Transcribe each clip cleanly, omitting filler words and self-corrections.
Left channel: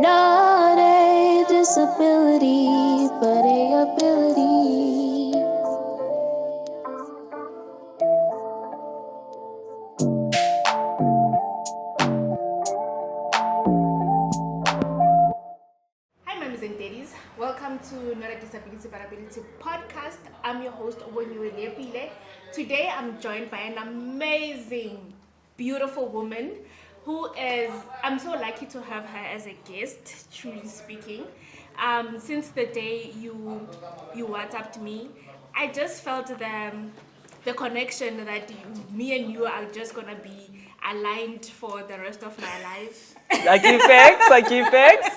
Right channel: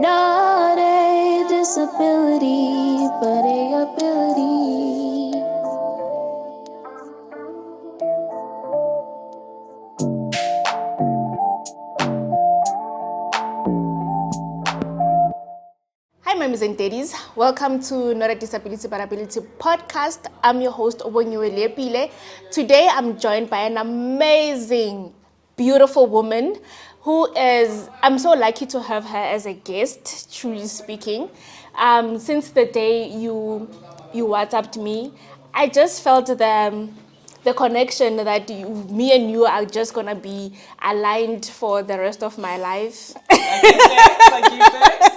Not a disability, but a ability. Hi, mamas and daddies. Welcome to Not a Disability but Ability podcast. I'm your host, Obonyiwe Lepile. Today, I'm joined by an amazing, beautiful woman I'm so lucky to have her as a guest, truly speaking. Since the day you WhatsApped me, I just felt the connection that me and you are just gonna be aligned for the rest of my life. I give thanks.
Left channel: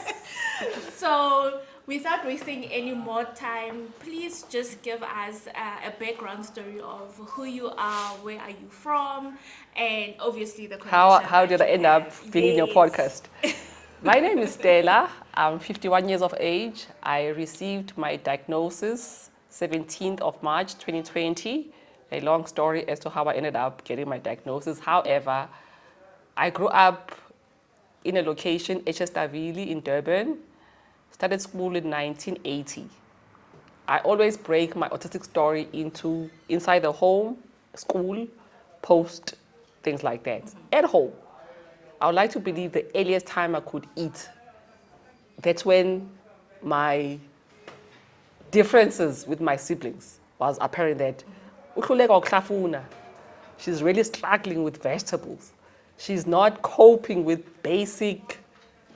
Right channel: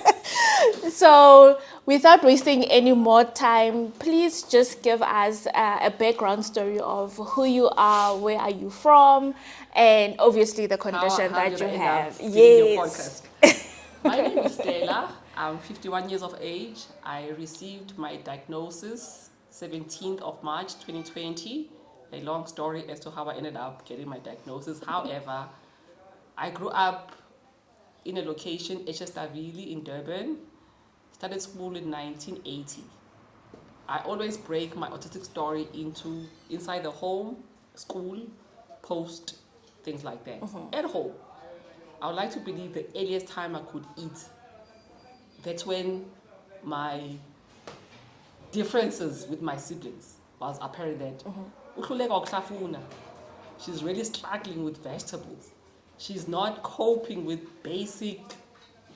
So, without wasting any more time, please just give us a background story of who you are, where are you from, and obviously the condition How that did you I end have. up being in your Yes. podcast? My name is Stella. I'm 51 years of age. I received my diagnosis 17th of March 2020. A long story as to how I ended up getting my diagnosis. However, I grew up in a location, Echestavili in Durban. Started school in 1980. I always break my autistic story into inside the home, school, post, things like that. At home, I would like to believe the earliest time I could eat, that's when my differences with my siblings was apparent that she's really struggling with vegetables. She's not coping with basic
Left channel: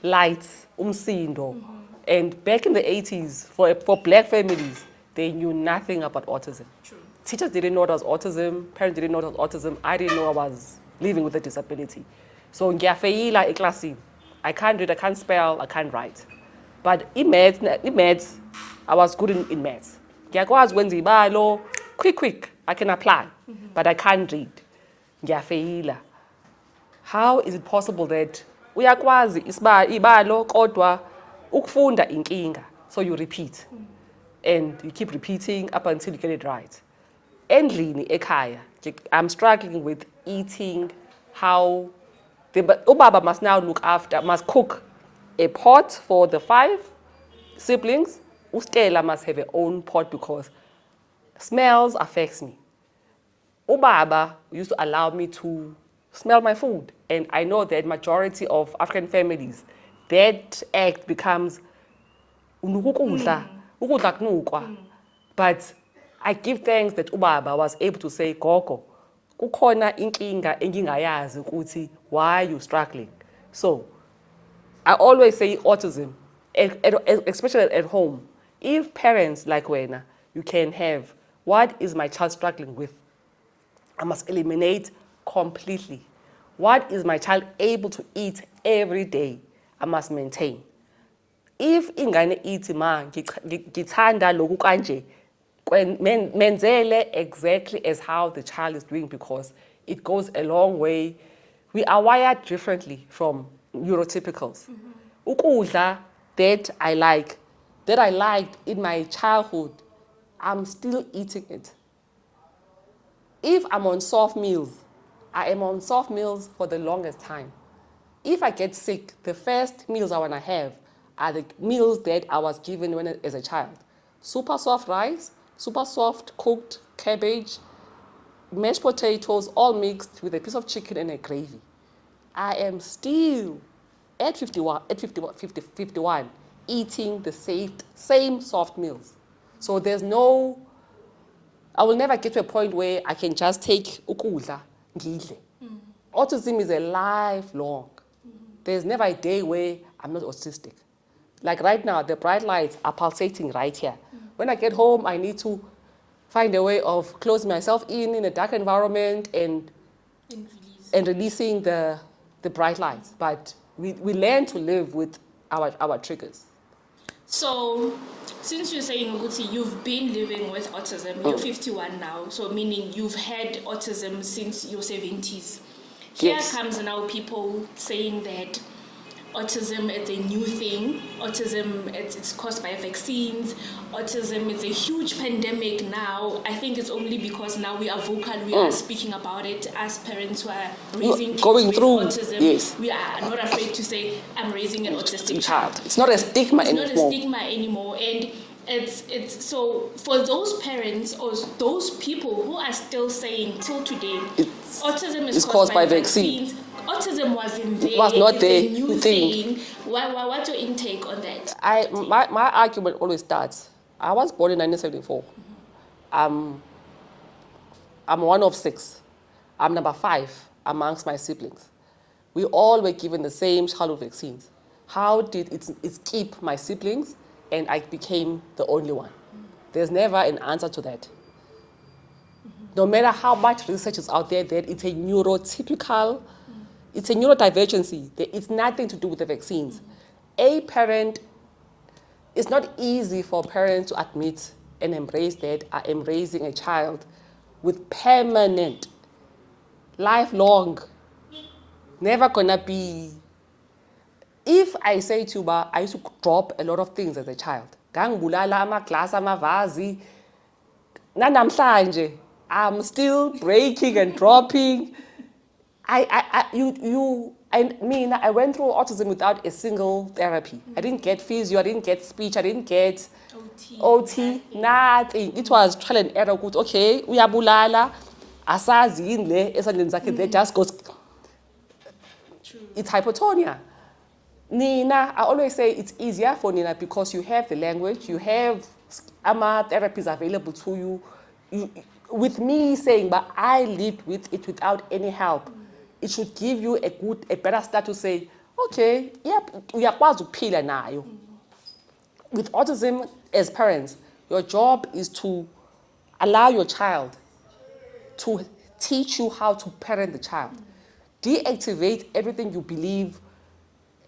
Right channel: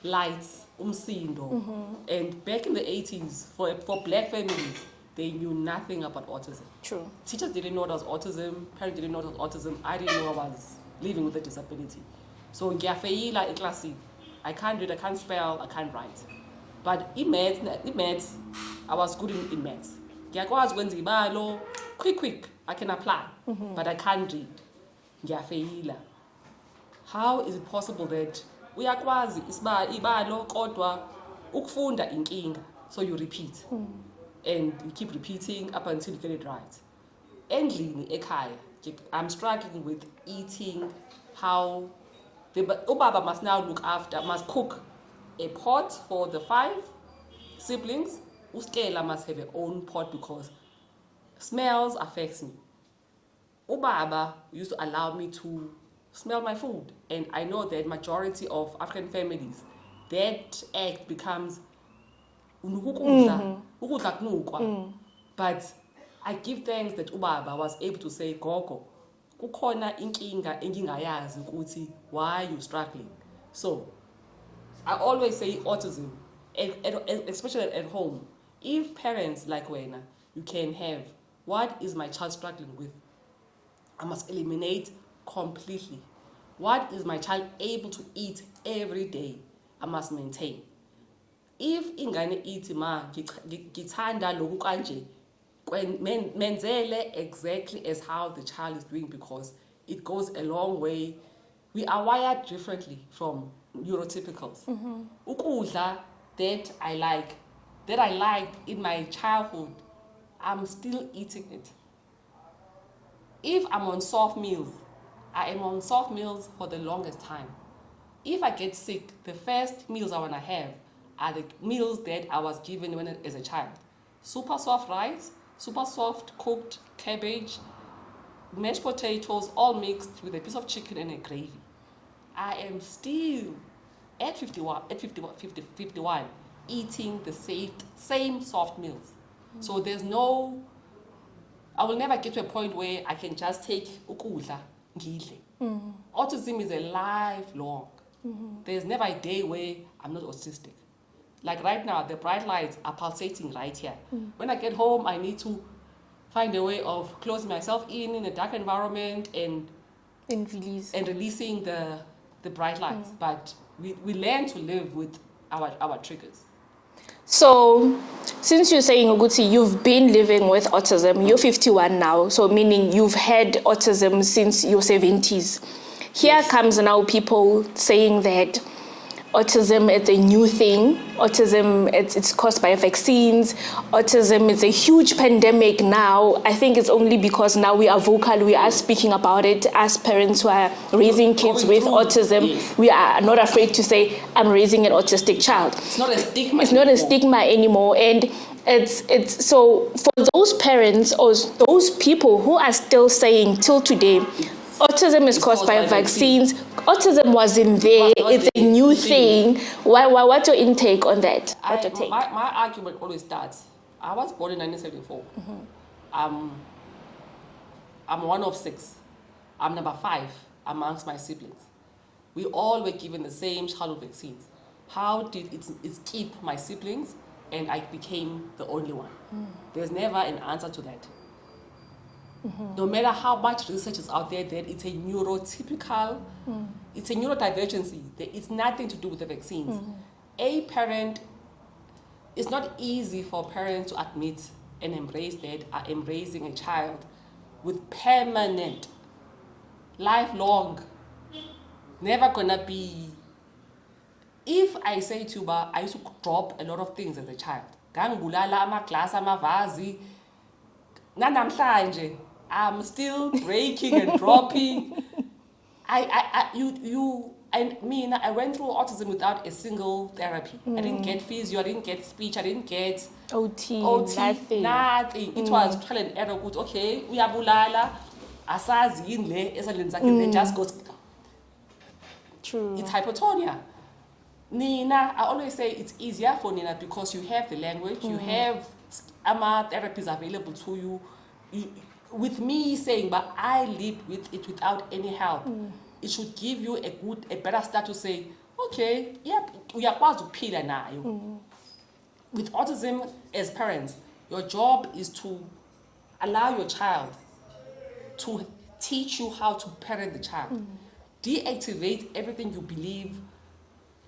lights, umsindo. And back in the 80s, for black families, they knew nothing about autism. True. Teachers didn't know it was autism, parents didn't know it was autism, I didn't know I was living with a disability. So ngiyafeyila eklasini. I can't read, I can't spell, I can't write. But in maths, I was good in maths. Ngiyakwazi ukwenza ibalo, quick, I can apply, but I can't read. Ngiyafeyila. How is it possible that uyakwazi ibalo kodwa ukufunda inkinga? So you repeat. And you keep repeating up until you get it right. Endlini ekhaya, I'm struggling with eating. How ubaba must now must cook a pot for the 5 siblings. Ustela must have her own pot because smells affects me. Ubaba used to allow me to smell my food. And I know that majority of African families, that act becomes but I give thanks that ubaba was able to say, Gogo, kukhona inkinga engingayazi ukuthi why are you struggling? So I always say autism, especially at home, if parents like wena, you can have, what is my child struggling with? I must eliminate completely. What is my child able to eat every day? I must maintain. If ingane ithi ma ngithanda lokhu kanje, menzele exactly as how the child is doing because it goes a long way. We are wired differently from neurotypicals. Ukudla that I liked in my childhood, I'm still eating it. If I'm on soft meals, I am on soft meals for the longest time. If I get sick, the first meals I want to have are the meals that I was given as a child. Super soft rice, super soft cooked cabbage, mashed potatoes, all mixed with a piece of chicken and a gravy. I am still at 51, eating the same soft meals. So I will never get to a point where I can just take ukudla, ngidle. Autism is a lifelong. There's never a day where I'm not autistic. Like right now, the bright lights are pulsating right here. When I get home, I need to find a way of closing myself in a dark environment and releasing the bright lights. But we learn to live with our triggers. So, since you're saying, Oguti, you've been living with autism, you're 51 now, so meaning you've had autism since your 70s. Here Yes. comes now people saying that autism is a new thing. Autism, it's caused by vaccines. Autism is a huge pandemic now. I think it's only because now we are vocal, we are speaking about it as parents who are raising kids with autism. Yes. We are not afraid to say, I'm raising an autistic child. It's not a stigma It's anymore. not a stigma anymore. And it's so for those parents or those people who are still saying till today, autism is caused by vaccines. Autism wasn't there. It's a new thing. What's your intake on that? My argument always starts. I was born in 1974. I'm one of 6. I'm number 5 amongst my siblings. We all were given the same childhood vaccines. How did it keep my siblings and I became the only one? There's never an answer to that. No matter how much research is out there that it's a neurotypical, it's a neurodivergency. It's nothing to do with the vaccines. A parent, it's not easy for parents to admit and embrace that I am raising a child with permanent, lifelong, never gonna be. If I say to you, I used to drop a lot of things as a child. Gangibulala amaglass, amavazi. Nanamhlanje, I'm still breaking and dropping. I went through autism without a single therapy. I didn't get physio, I didn't get speech, I didn't get OT, nothing. It was trial and error. Good, okay, uyabulala, asazi yini le esandleni zakhe, they just goes. True. It's hypotonia. Nina, I always say it's easier for Nina because you have the language, you have therapies available to you. With me saying, but I lived with it without any help, it should give you a better start to say, okay, yeah, we are quite to pila nayo. With autism, as parents, your job is to allow your child to teach you how to parent the child. Deactivate everything you believe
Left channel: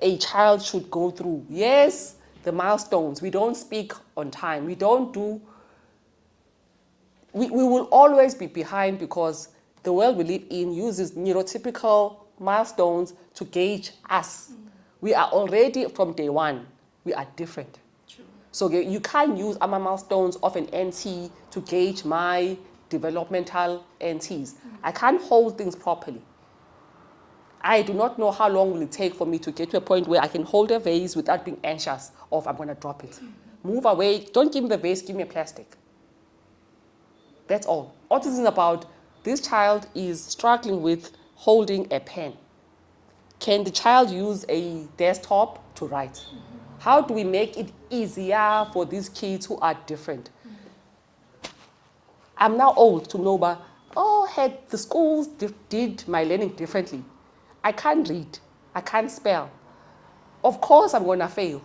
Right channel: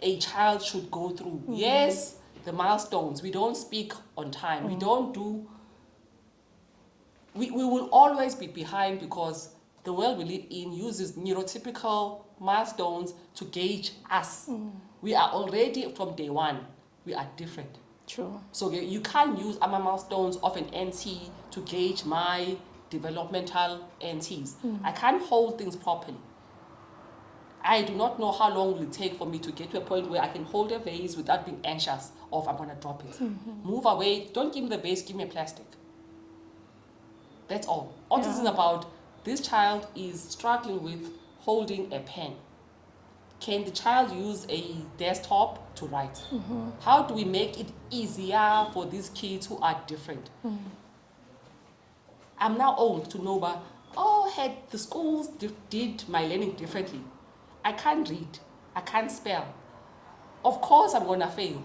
a child should go through. Yes, the milestones. We don't speak on time. We don't do. We will always be behind because the world we live in uses neurotypical milestones to gauge us. We are already, from day one, we are different. True. So you can't use our milestones of an NT to gauge my developmental NTs. I can't hold things properly. I do not know how long will it take for me to get to a point where I can hold a vase without being anxious of I'm going to drop it. Move away. Don't give me the vase, give me a plastic. That's all. Autism is about this child is struggling with holding a pen. Can the child use a desktop to write? How do we make it easier for these kids who are different? I'm now old to know, but had the schools did my learning differently. I can't read. I can't spell. Of course I'm going to fail.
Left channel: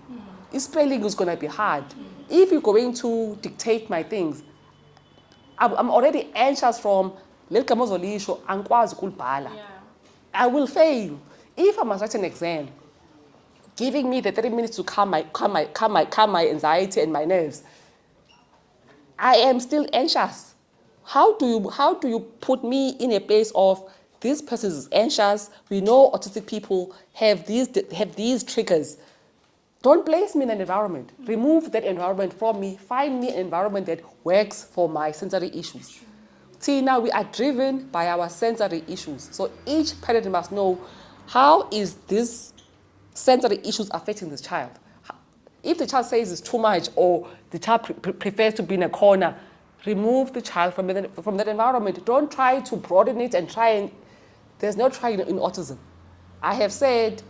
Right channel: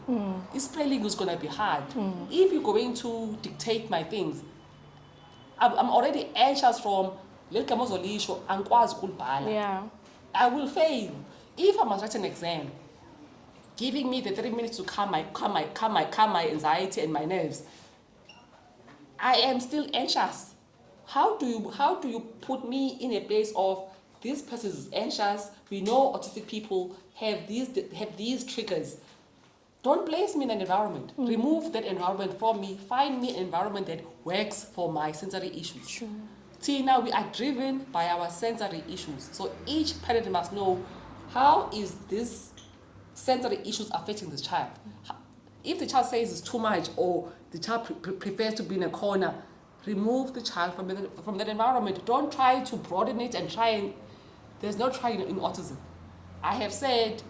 Spelling is going to be hard. If you're going to dictate my things, I'm already anxious from Yeah. I will fail. If I must write an exam, giving me the 30 minutes to calm my anxiety and my nerves, I am still anxious. How do you put me in a place of this person is anxious? We know autistic people have these triggers. Don't place me in an environment. Remove that environment from me. Find me an environment that works for my sensory issues. Sure. See, now we are driven by our sensory issues. So each parent must know, how is this sensory issues affecting this child? If the child says it's too much or the child prefers to be in a corner, remove the child from that environment. Don't try to broaden it and there's no trying in autism. I have said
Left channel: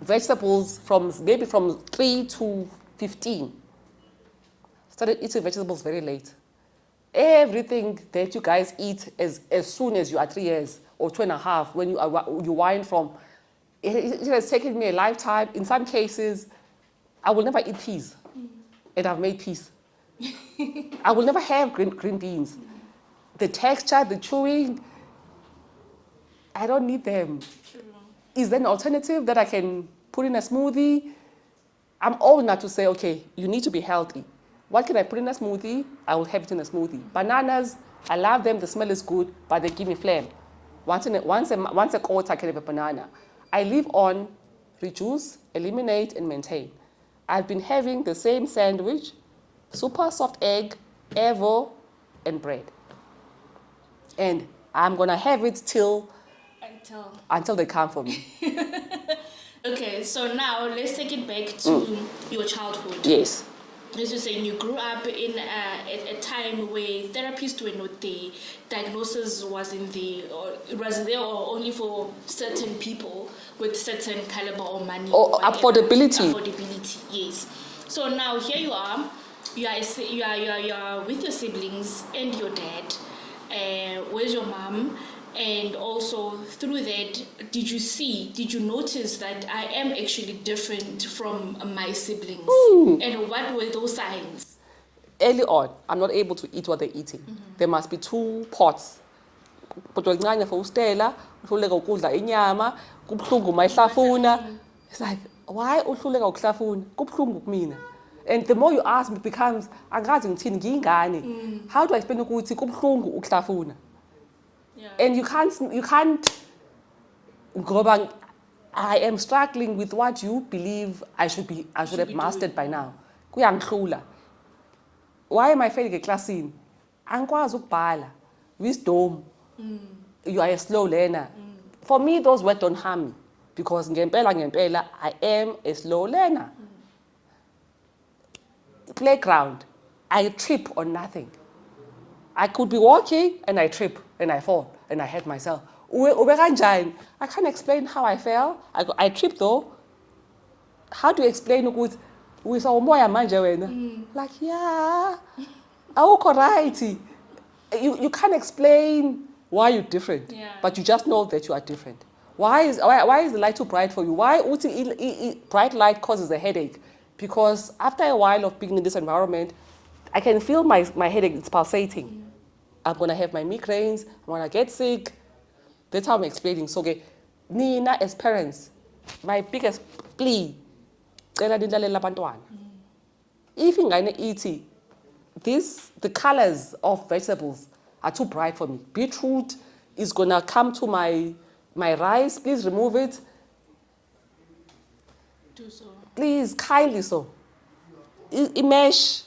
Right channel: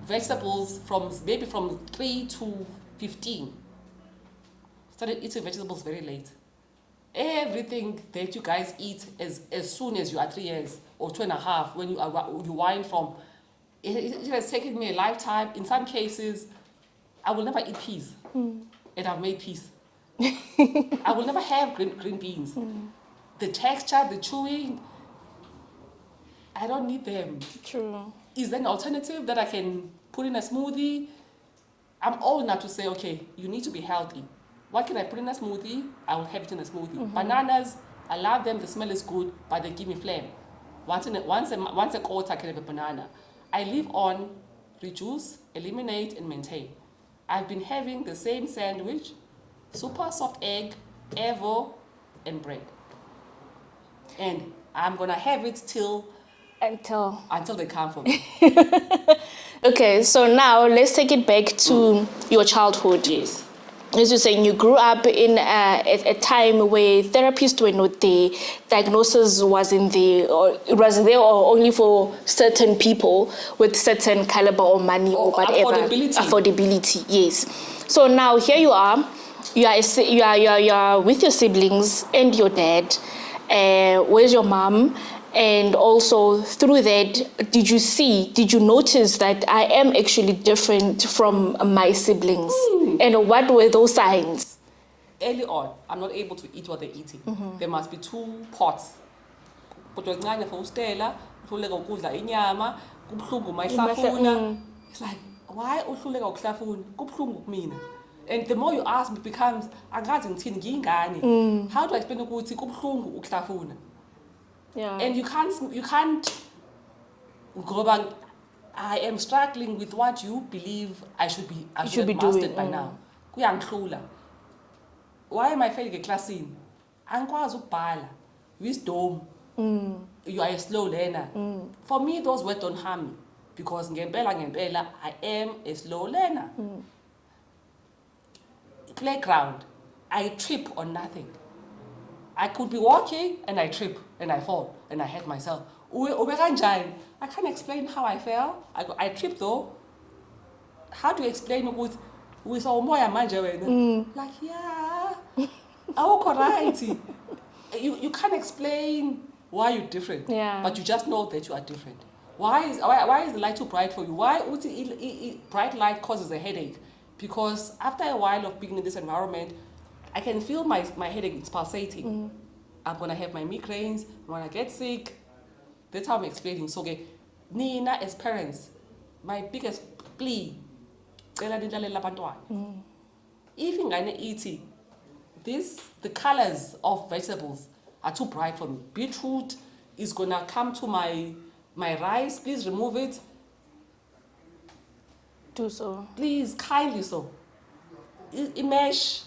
vegetables from 3 to 15. Started eating vegetables very late. Everything that you guys eat as soon as you are 3 years or 2.5, when you wind from, it has taken me a lifetime. In some cases, I will never eat peas, and I've made peas. I will never have green beans. The texture, the chewing, I don't need them. True. Is there an alternative that I can put in a smoothie? I'm old enough to say, okay, you need to be healthy. What can I put in a smoothie? I will have it in a smoothie. Bananas, I love them, the smell is good, but they give me phlegm. Once a quarter, I can have a banana. I live on reduce, eliminate, and maintain. I've been having the same sandwich, super soft egg, Evo, and bread. And I'm gonna have it until they come for me. Okay, so now let's take it back to your childhood. Yes. As you're saying, you grew up in a time where therapists were not there, diagnosis wasn't there, or it was there only for certain people with certain caliber or money or whatever. Affordability, yes. So now here you are, you are with your siblings and your dad. Where's your mom? And also through that, did you notice that I am actually different from my siblings? And what were those signs? Early on, I'm not able to eat what they're eating. There must be 2 pots. But for Stella, it's like, why uhluleka ukuhlafuna? Kubuhlungu kumina. And the more you ask, it becomes, angazi ngithini ngiyingane. How do I explain ukuthi kubuhlungu ukuhlafuna? Yeah. And you can't go back. I am struggling with what you believe I should have mastered by now. Kuyangihlula. Why am I failing a class in? Angikwazi ukubhala. Wisdom. You are a slow learner. For me, those words don't harm me. Because ngempela, I am a slow learner. Playground. I trip on nothing. I could be walking and I trip and I fall and I hurt myself. I can't explain how I fell. I tripped though. How do you explain with umoya manje wena? Like, yeah, awukho right. You can't explain why you're different, but you just know that you are different. Why is the light too bright for you? Why bright light causes a headache? Because after a while of being in this environment, I can feel my headache, it's pulsating. I'm going to have my migraines, I'm going to get sick. That's how I'm explaining. So, Nina, as parents, my biggest plea, if ingane eating, the colors of vegetables are too bright for me. Beetroot is going to come to my rice. Please remove it. Do so. Please, kindly so. Mesh.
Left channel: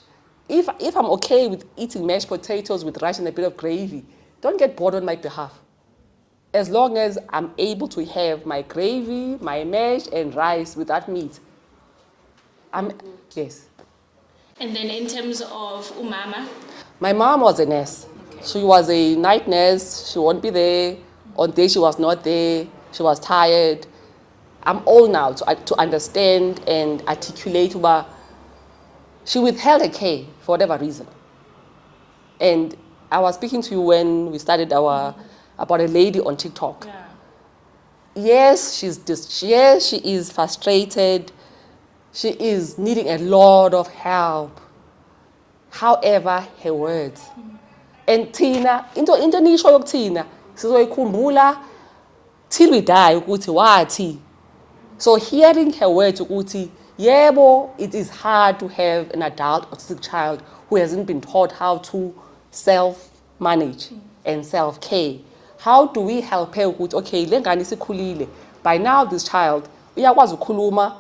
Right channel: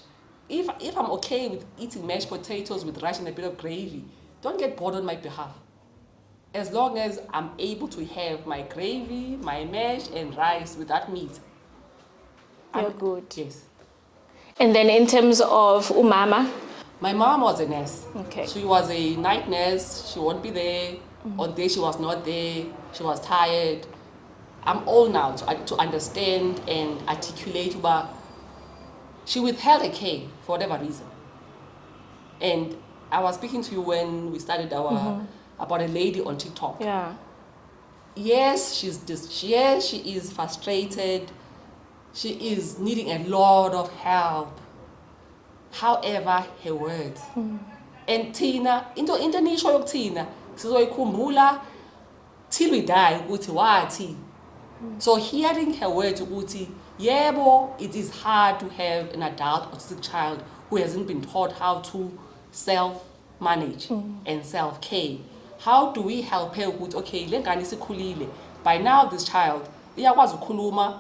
If I'm okay with eating mashed potatoes with rice and a bit of gravy, don't get bored on my behalf. As long as I'm able to have my gravy, my mash, and rice without meat, I'm good. Yes. And then in terms of umama? My mom was a nurse. Okay. She was a night nurse. She won't be there. On day she was not there. She was tired. I'm old now to understand and articulate about. She withheld her care for whatever reason. And I was speaking to you when we started about a lady on TikTok. Yeah. Yes, she is frustrated. She is needing a lot of help. However, her words. And Tina, into nisho yokuthina, sizoyikhumbula till we die ukuthi wathi. So hearing her words ukuthi, yebo, it is hard to have an adult autistic child who hasn't been taught how to self-manage and self-care. How do we help her with, okay, lengane isikhulile. By now, this child, iyakwazi ukukhuluma.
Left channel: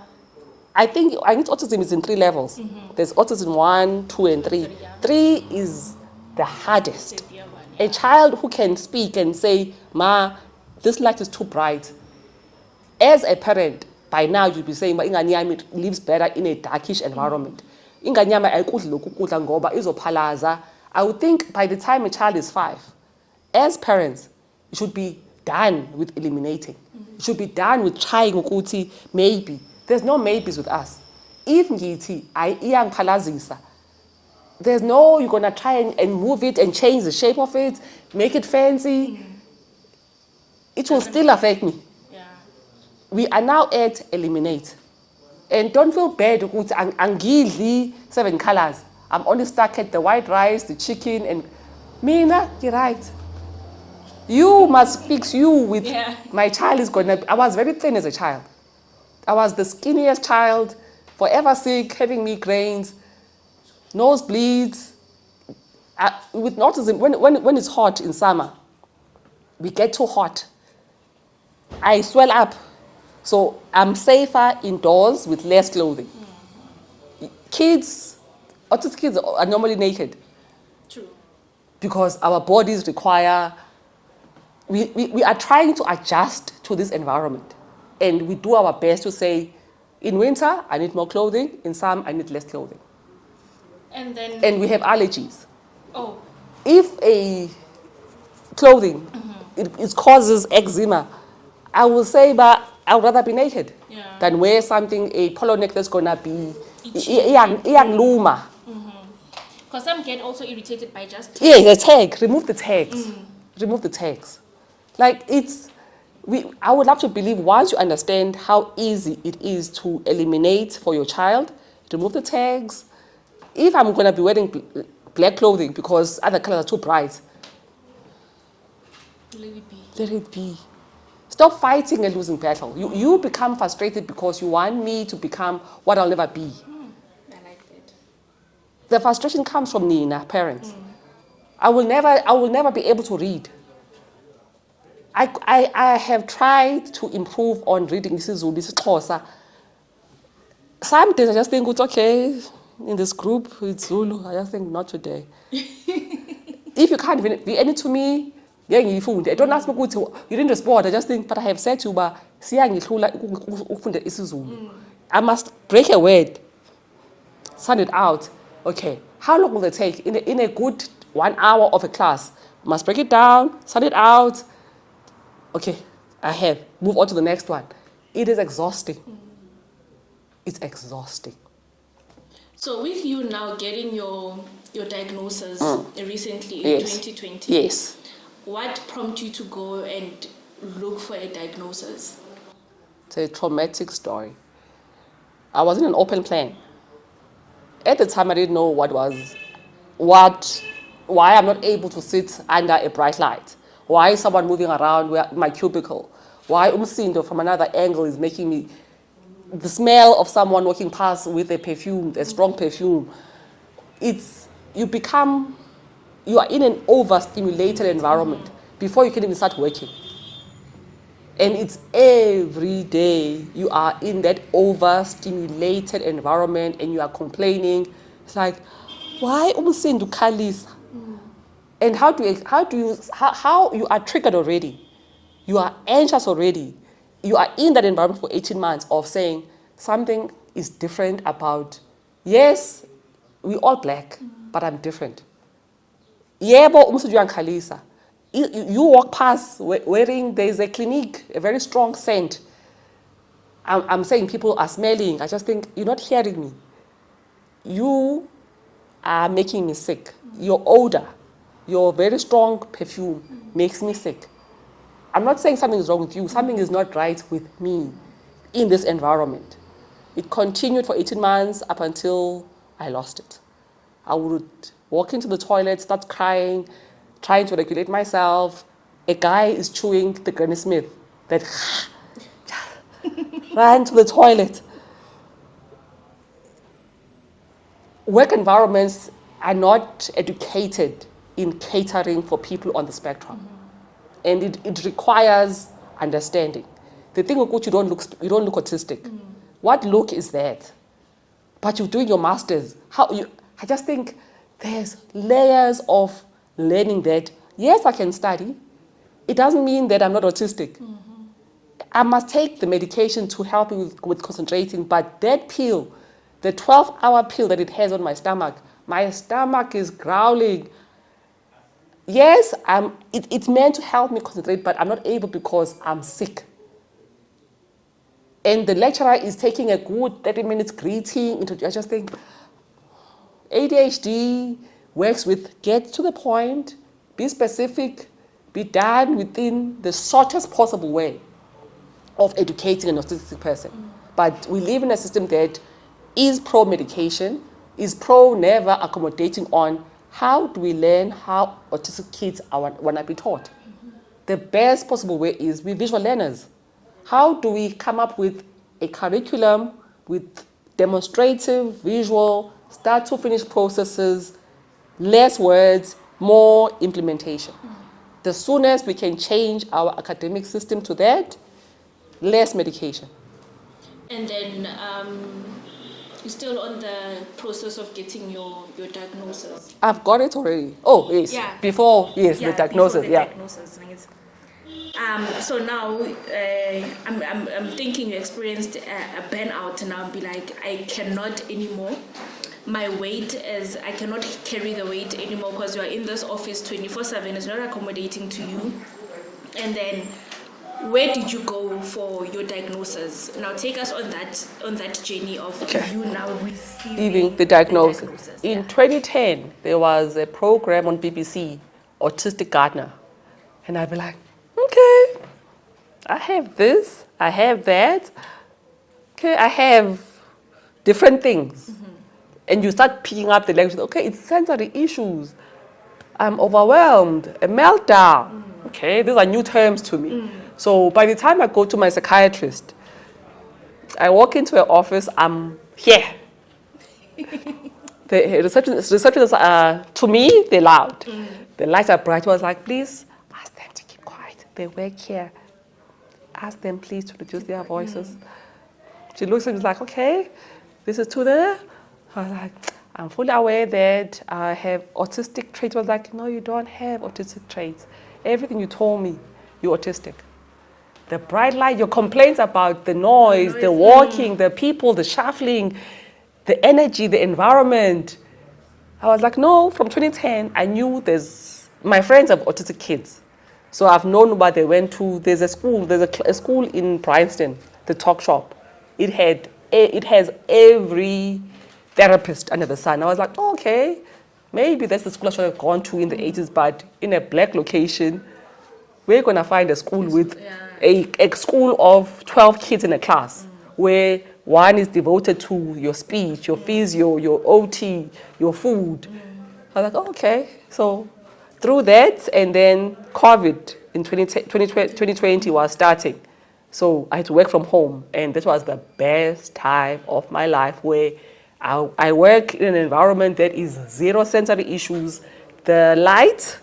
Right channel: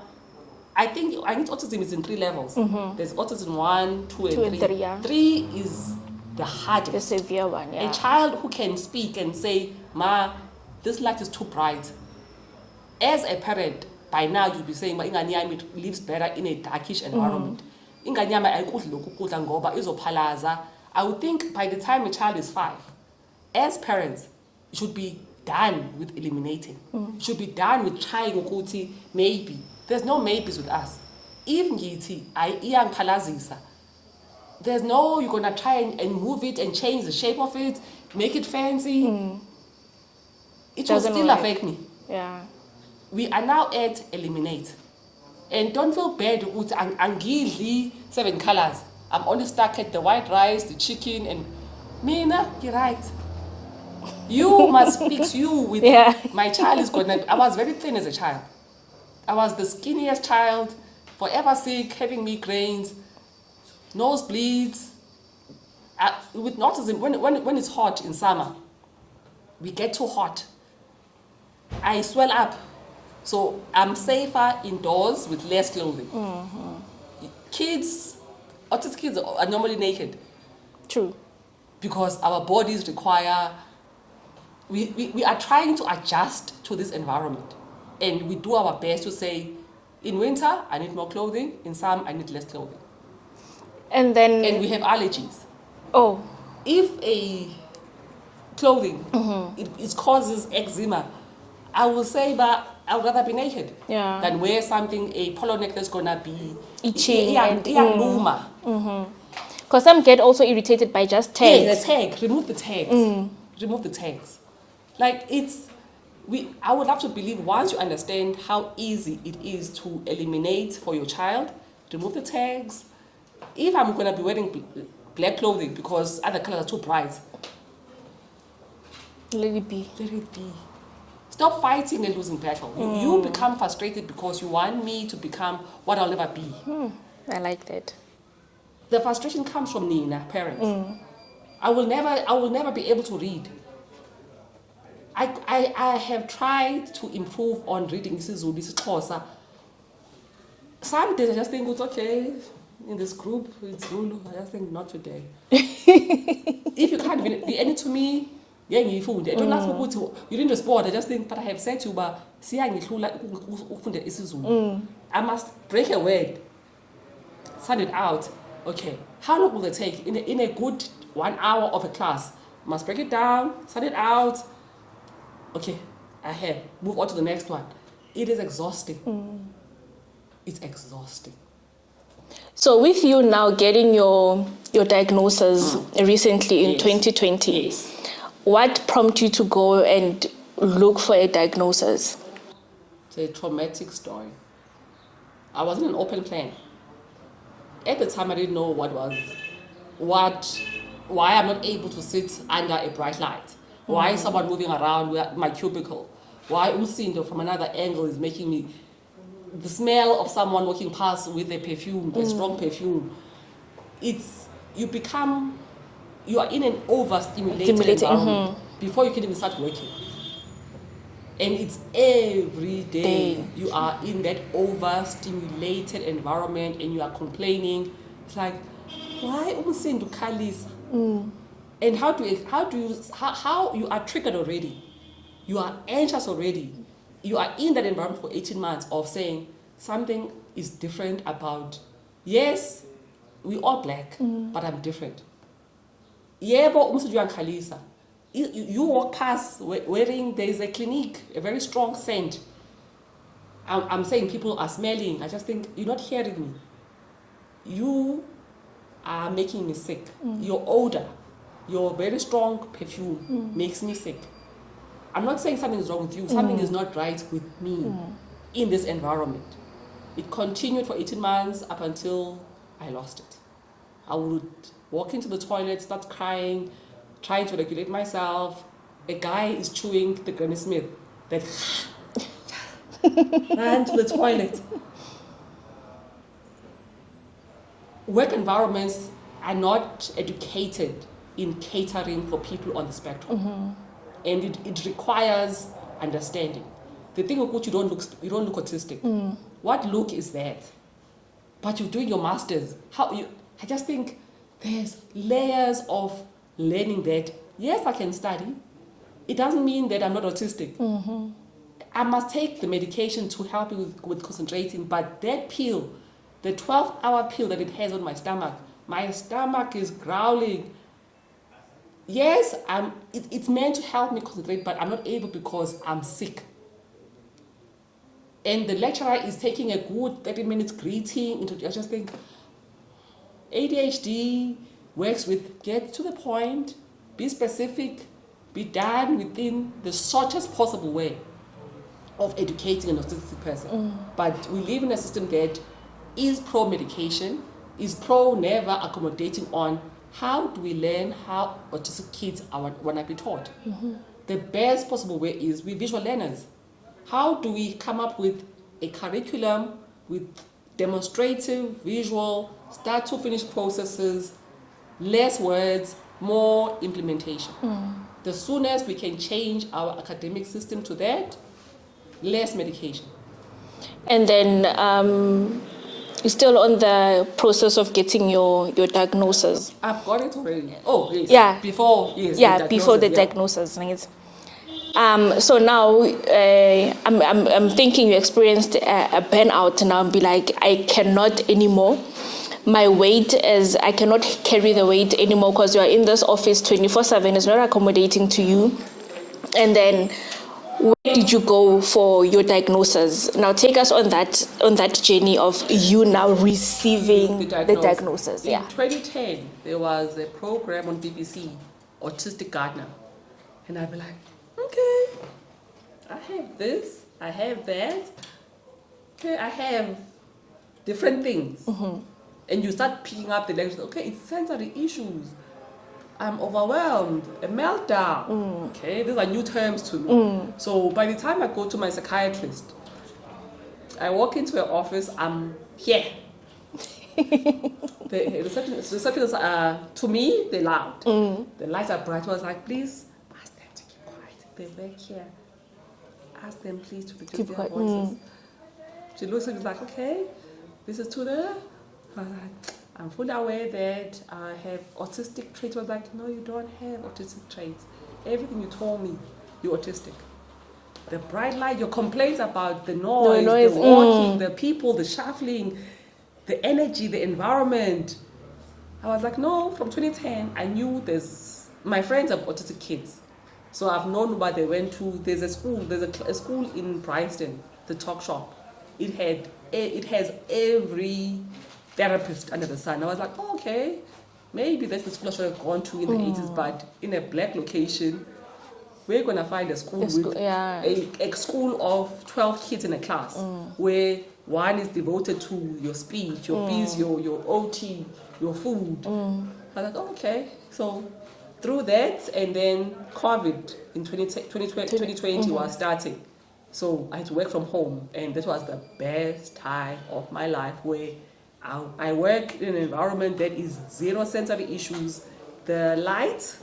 I think autism is in 3 levels. There's autism 1, 2, and 3. 3, yeah. 3 is the hardest. The severe one, yeah. A child who can speak and say, Ma, this light is too bright. As a parent, by now you'll be saying, ingane yami lives better in a darkish environment. Ingane yami ayikudli lokhu kudla ngoba izophalaza. I would think by the time a child is 5, as parents, you should be done with eliminating. You should be done with trying ukuthi maybe. There's no maybes with us. If ngithi iyangiphalazisa, there's no you're gonna try and move it and change the shape of it, make it fancy. It will still affect me. Yeah. We are now at eliminate. And don't feel bad ukuthi angidli 7 colors. I'm only stuck at the white rice, the chicken, and mina, you're right. You must fix you with my child is gonna. I was very thin as a child. I was the skinniest child, forever sick, having migraines, nosebleeds. With autism, when it's hot in summer, we get too hot. I swell up. So I'm safer indoors with less clothing. Autistic kids are normally naked True. because our bodies require, we are trying to adjust to this environment. And we do our best to say, in winter, I need more clothing. In summer, I need less clothing. And then, And we have allergies. oh, If a clothing, it causes eczema, I will say, but I would rather be naked Yeah. than wear something, a polo neck that's going to be Itchy and- luma. because some get also irritated by just Yeah, tags. the tag. Remove the tags. Remove the tags. Like I would love to believe once you understand how easy it is to eliminate for your child, remove the tags. If I'm going to be wearing black clothing because other colors are too bright, Let it be. let it be. Stop fighting a losing battle. You become frustrated because you want me to become what I'll never be. I like that. The frustration comes from Nina, parents. I will never be able to read. I have tried to improve on reading isiZulu, isiXhosa. Some days I just think, it's okay, in this group, it's Zulu. I just think, not today. If you can't be any to me, I don't ask me, you didn't respond. I just think, but I have said to you, I must break a word, send it out. Okay, how long will it take? In a good 1 hour of a class, must break it down, send it out. Okay, I have. Move on to the next one. It is exhausting. It's exhausting. So with you now getting your diagnosis recently in Yes. 2020, Yes. what prompted you to go and look for a diagnosis? It's a traumatic story. I was in an open plan. At the time, I didn't know why I'm not able to sit under a bright light. Why is someone moving around my cubicle? Why umsindo from another angle is making me, the smell of someone walking past with a perfume, the strong perfume. You are in an overstimulated environment before you can even start working. And it's every day you are in that overstimulated environment and you are complaining. It's like, why umsindo khalisa? And how you are triggered already. You are anxious already. You are in that environment for 18 months of saying something is different about, yes, we all black, but I'm different. Yebo umsindo uyankhalisa. You walk past wearing, there's a clinique, a very strong scent. I'm saying people are smelling. I just think, you're not hearing me. You are making me sick. Your odor, your very strong perfume makes me sick. I'm not saying something is wrong with you. Something is not right with me in this environment. It continued for 18 months up until I lost it. I would walk into the toilet, start crying, trying to regulate myself. A guy is chewing the Granny Smith. That ran to the toilet. Work environments are not educated in catering for people on the spectrum. And it requires understanding. The thing with which you don't look autistic. What look is that? But you're doing your masters. I just think there's layers of learning that, yes, I can study. It doesn't mean that I'm not autistic. I must take the medication to help me with concentrating, but that pill, the 12-hour pill that it has on my stomach is growling. Yes, it's meant to help me concentrate, but I'm not able because I'm sick. And the lecturer is taking a good 30 minutes greeting. I just think, ADHD works with get to the point, be specific, be done within the shortest possible way of educating an autistic person. But we live in a system that is pro-medication, is pro-never accommodating on how do we learn how autistic kids want to be taught. The best possible way is we visual learners. How do we come up with a curriculum with demonstrative, visual, start to finish processes, less words, more implementation. The soonest we can change our academic system to that, less medication. And then you're still on the process of getting your diagnosis. I've got it already. Oh, yes. Yeah. Before, yes, Yeah, the diagnosis. before the yeah. diagnosis. So now I'm thinking you experienced a burnout now and be like, I cannot anymore. My weight is, I cannot carry the weight anymore because you are in this office 24/7. It's not accommodating to you. And then where did you go for your diagnosis? Now take us on that journey of you now receiving the diagnosis. In Yeah. 2010, there was a program on BBC, Autistic Gardener. And I'd be like, okay, I have this, I have that. Okay, I have different things. And you start picking up the language. Okay, it's sensory issues. I'm overwhelmed, a meltdown. Okay, these are new terms to me. So by the time I go to my psychiatrist, I walk into an office, I'm here. The receptionists are, to me, they're loud. The lights are bright. I was like, please, ask them to keep quiet. They work here. Ask them, please, to reduce their voices. She looks at me like, okay, this is to the... I was like, I'm fully aware that I have autistic traits. I was like, no, you don't have autistic traits. Everything you told me, you're autistic. The bright light, your complaints about the noise, the walking, the people, the shuffling, the energy, the environment. I was like, no, from 2010, I knew my friends have autistic kids. So I've known what they went to. There's a school in Bryanston, the Talk Shop. It has every therapist under the sun. I was like, oh, okay, maybe that's the school I should have gone to in the 80s, but in a black location, we're going to find a school a school of 12 kids in a class where one is devoted to your speech, your physio, your OT, your food. I was like, oh, okay. So through that, and then COVID in 2020 was starting. So I had to work from home, and that was the best time of my life where I work in an environment that is zero sensory issues. The light,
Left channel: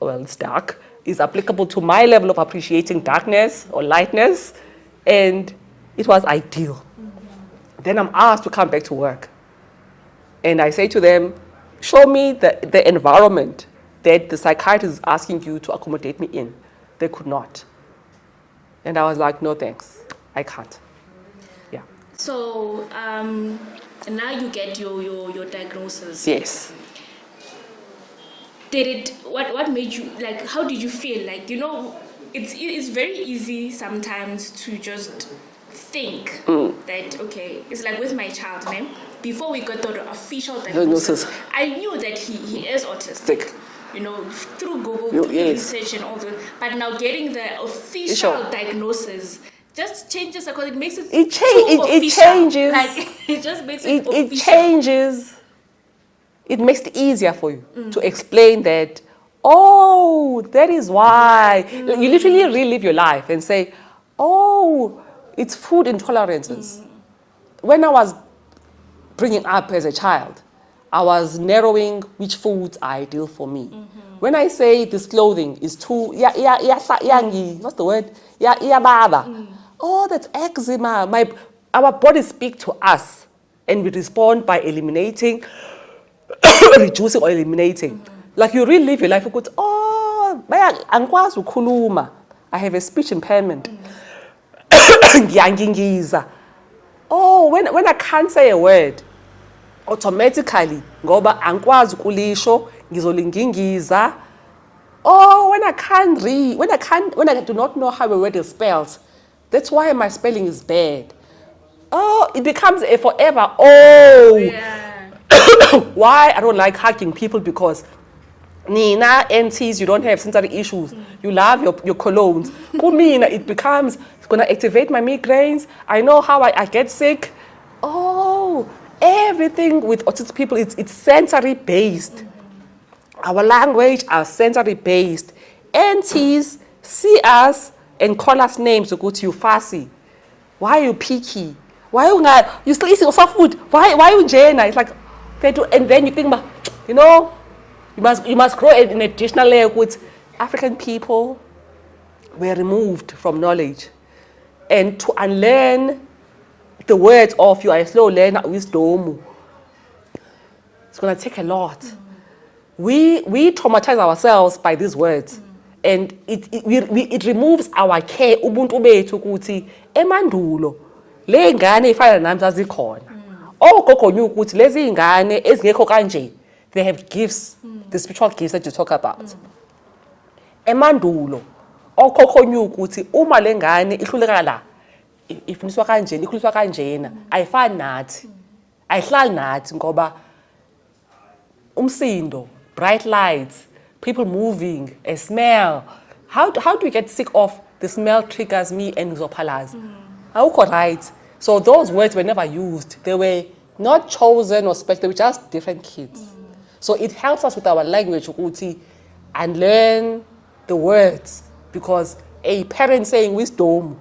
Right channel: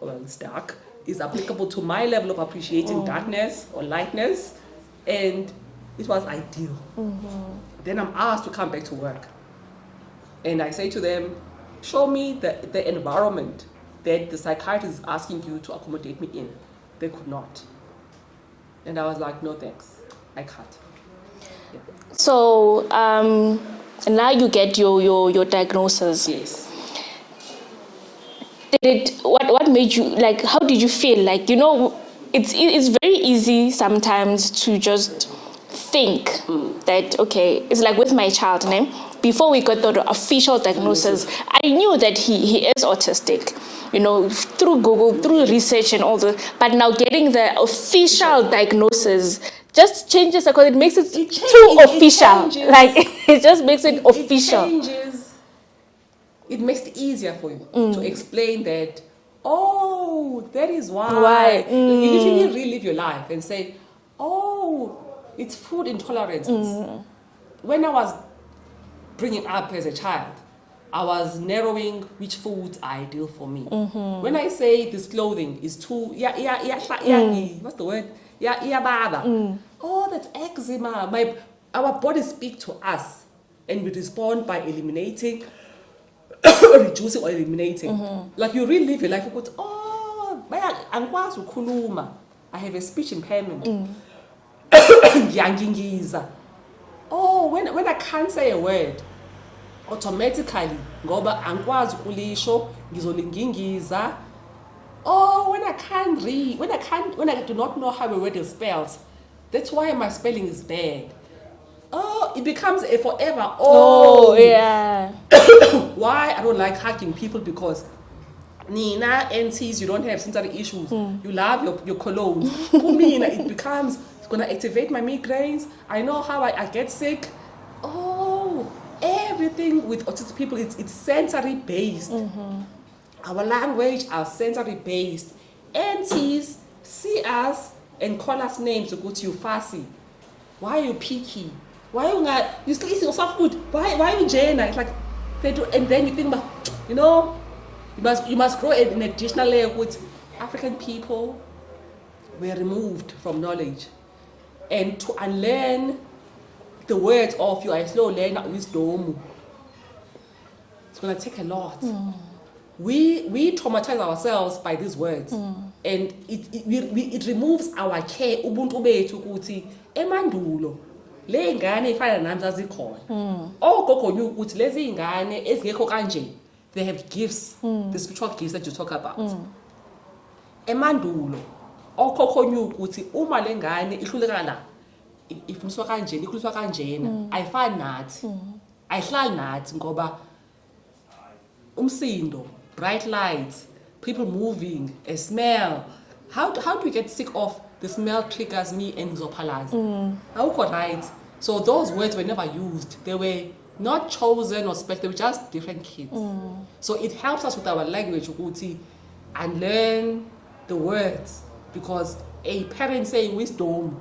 well, it's dark, is applicable to my level of appreciating darkness or lightness, and it was ideal. Then I'm asked to come back to work. And I say to them, show me the environment that the psychiatrist is asking you to accommodate me in. They could not. And I was like, no thanks, I can't. Yeah. So now you get your diagnosis. Yes. What made you, like, how did you feel? Like, it's very easy sometimes to just think that, okay, it's like with my child name. Before we got the official diagnosis, I knew that he is autistic, through Google, through research and all the, but now getting the official diagnosis just changes, because it makes it official. It changes. Like, it just makes it official. It changes. It makes it easier for you to explain that, oh, that is why. You literally relive your life and say, oh, it's food intolerances. When I was bringing up as a child, I was narrowing which foods are ideal for me. When I say this clothing is too, what's the word? Oh, that's eczema. Our bodies speak to us, and we respond by eliminating, reducing or eliminating. Like you really live your life. You go, oh, I have a speech impairment. Oh, when I can't say a word, automatically, ngoba angikwazi ukulisho, ngizolingingiza. Oh, when I can't read, when I do not know how a word is spelled, that's why my spelling is bad. Oh, it becomes a forever. Oh, yeah. Why I don't like hugging people, because Nina, aunties, you don't have sensory issues. You love your colognes. Kumina, it becomes, it's going to activate my migraines. I know how I get sick. Oh, everything with autistic people, it's sensory based. Our language are sensory based. Aunties see us and call us names. You fussy. Why are you picky? Why are you not? You still eating your food? Why are you Jana? It's like they do, and then you think about, you must grow an additional layer with African people. Were removed from knowledge. And to unlearn the words of you are a slow learner wisdom, it's going to take a lot. We traumatize ourselves by these words. And it removes our care. Ubuntu bethu ukuthi emandulo le ngane ifana nami zazikhona. Ogogo knew ukuthi lezi ngane ezingekho kanje, they have gifts, the spiritual gifts that you talk about. Emandulo okhokho knew ukuthi uma le ngane ihluleka la ifundiswa kanjena ikhuliswa kanjena ayifani nathi. Ayihlali nathi ngoba umsindo, bright lights, people moving, a smell. How do we get sick of the smell triggers me and ngizopalaza? Awukho right. So those words were never used. They were not chosen or special. They were just different kids. So it helps us with our language ukuthi and learn the words, because a parent saying wisdom,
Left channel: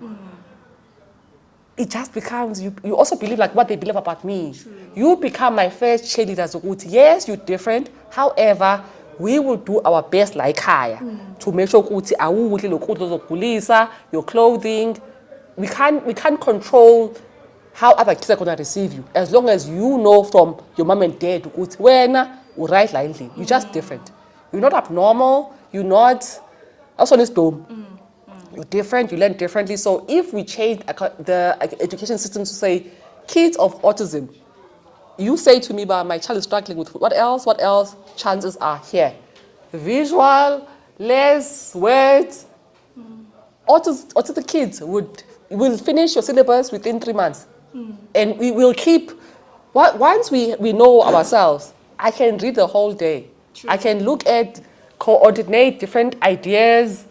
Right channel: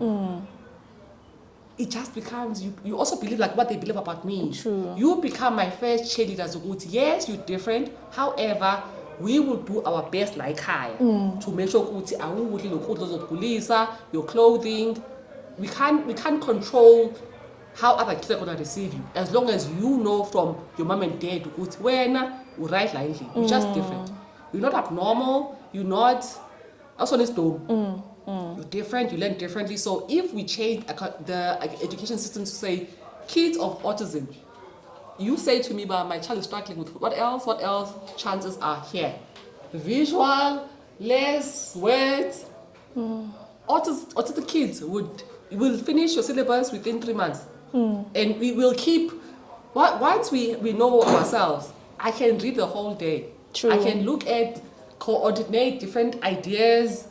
it just becomes, you also believe like what they believe about me. True. You become my first cheerleader. Yes, you're different. However, we will do our best like higher to make sure your clothing. We can't control how other kids are going to receive you. As long as you know from your mom and dad, you're just different. You're not abnormal. You're not. Also, this dome. You're different. You learn differently. So if we change the education system to say, kids of autism, you say to me, but my child is struggling with what else? What else? Chances are here. Visual, less words. Autistic kids will finish your syllabus within 3 months. And we will keep, once we know ourselves, I can read the whole day. True. I can look at, coordinate different ideas.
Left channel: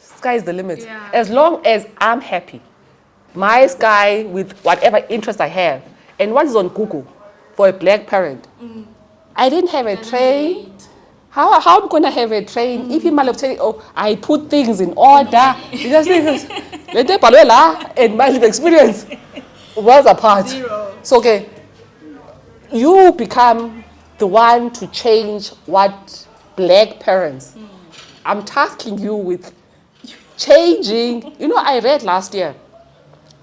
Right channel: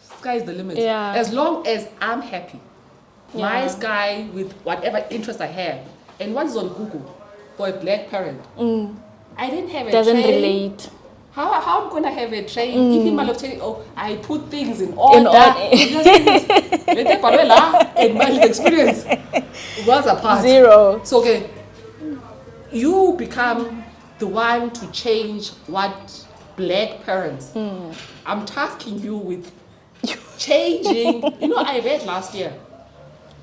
Sky is the limit. Yeah. As long as I'm happy. My sky with whatever interest I have. And what is on Google for a black parent? I didn't have a Doesn't train. relate. How I'm going to have a train if he might have told you, I put things in order. And my experience was apart. Zero. So, okay, you become the one to change what black parents. I'm tasking you with changing. I read last year.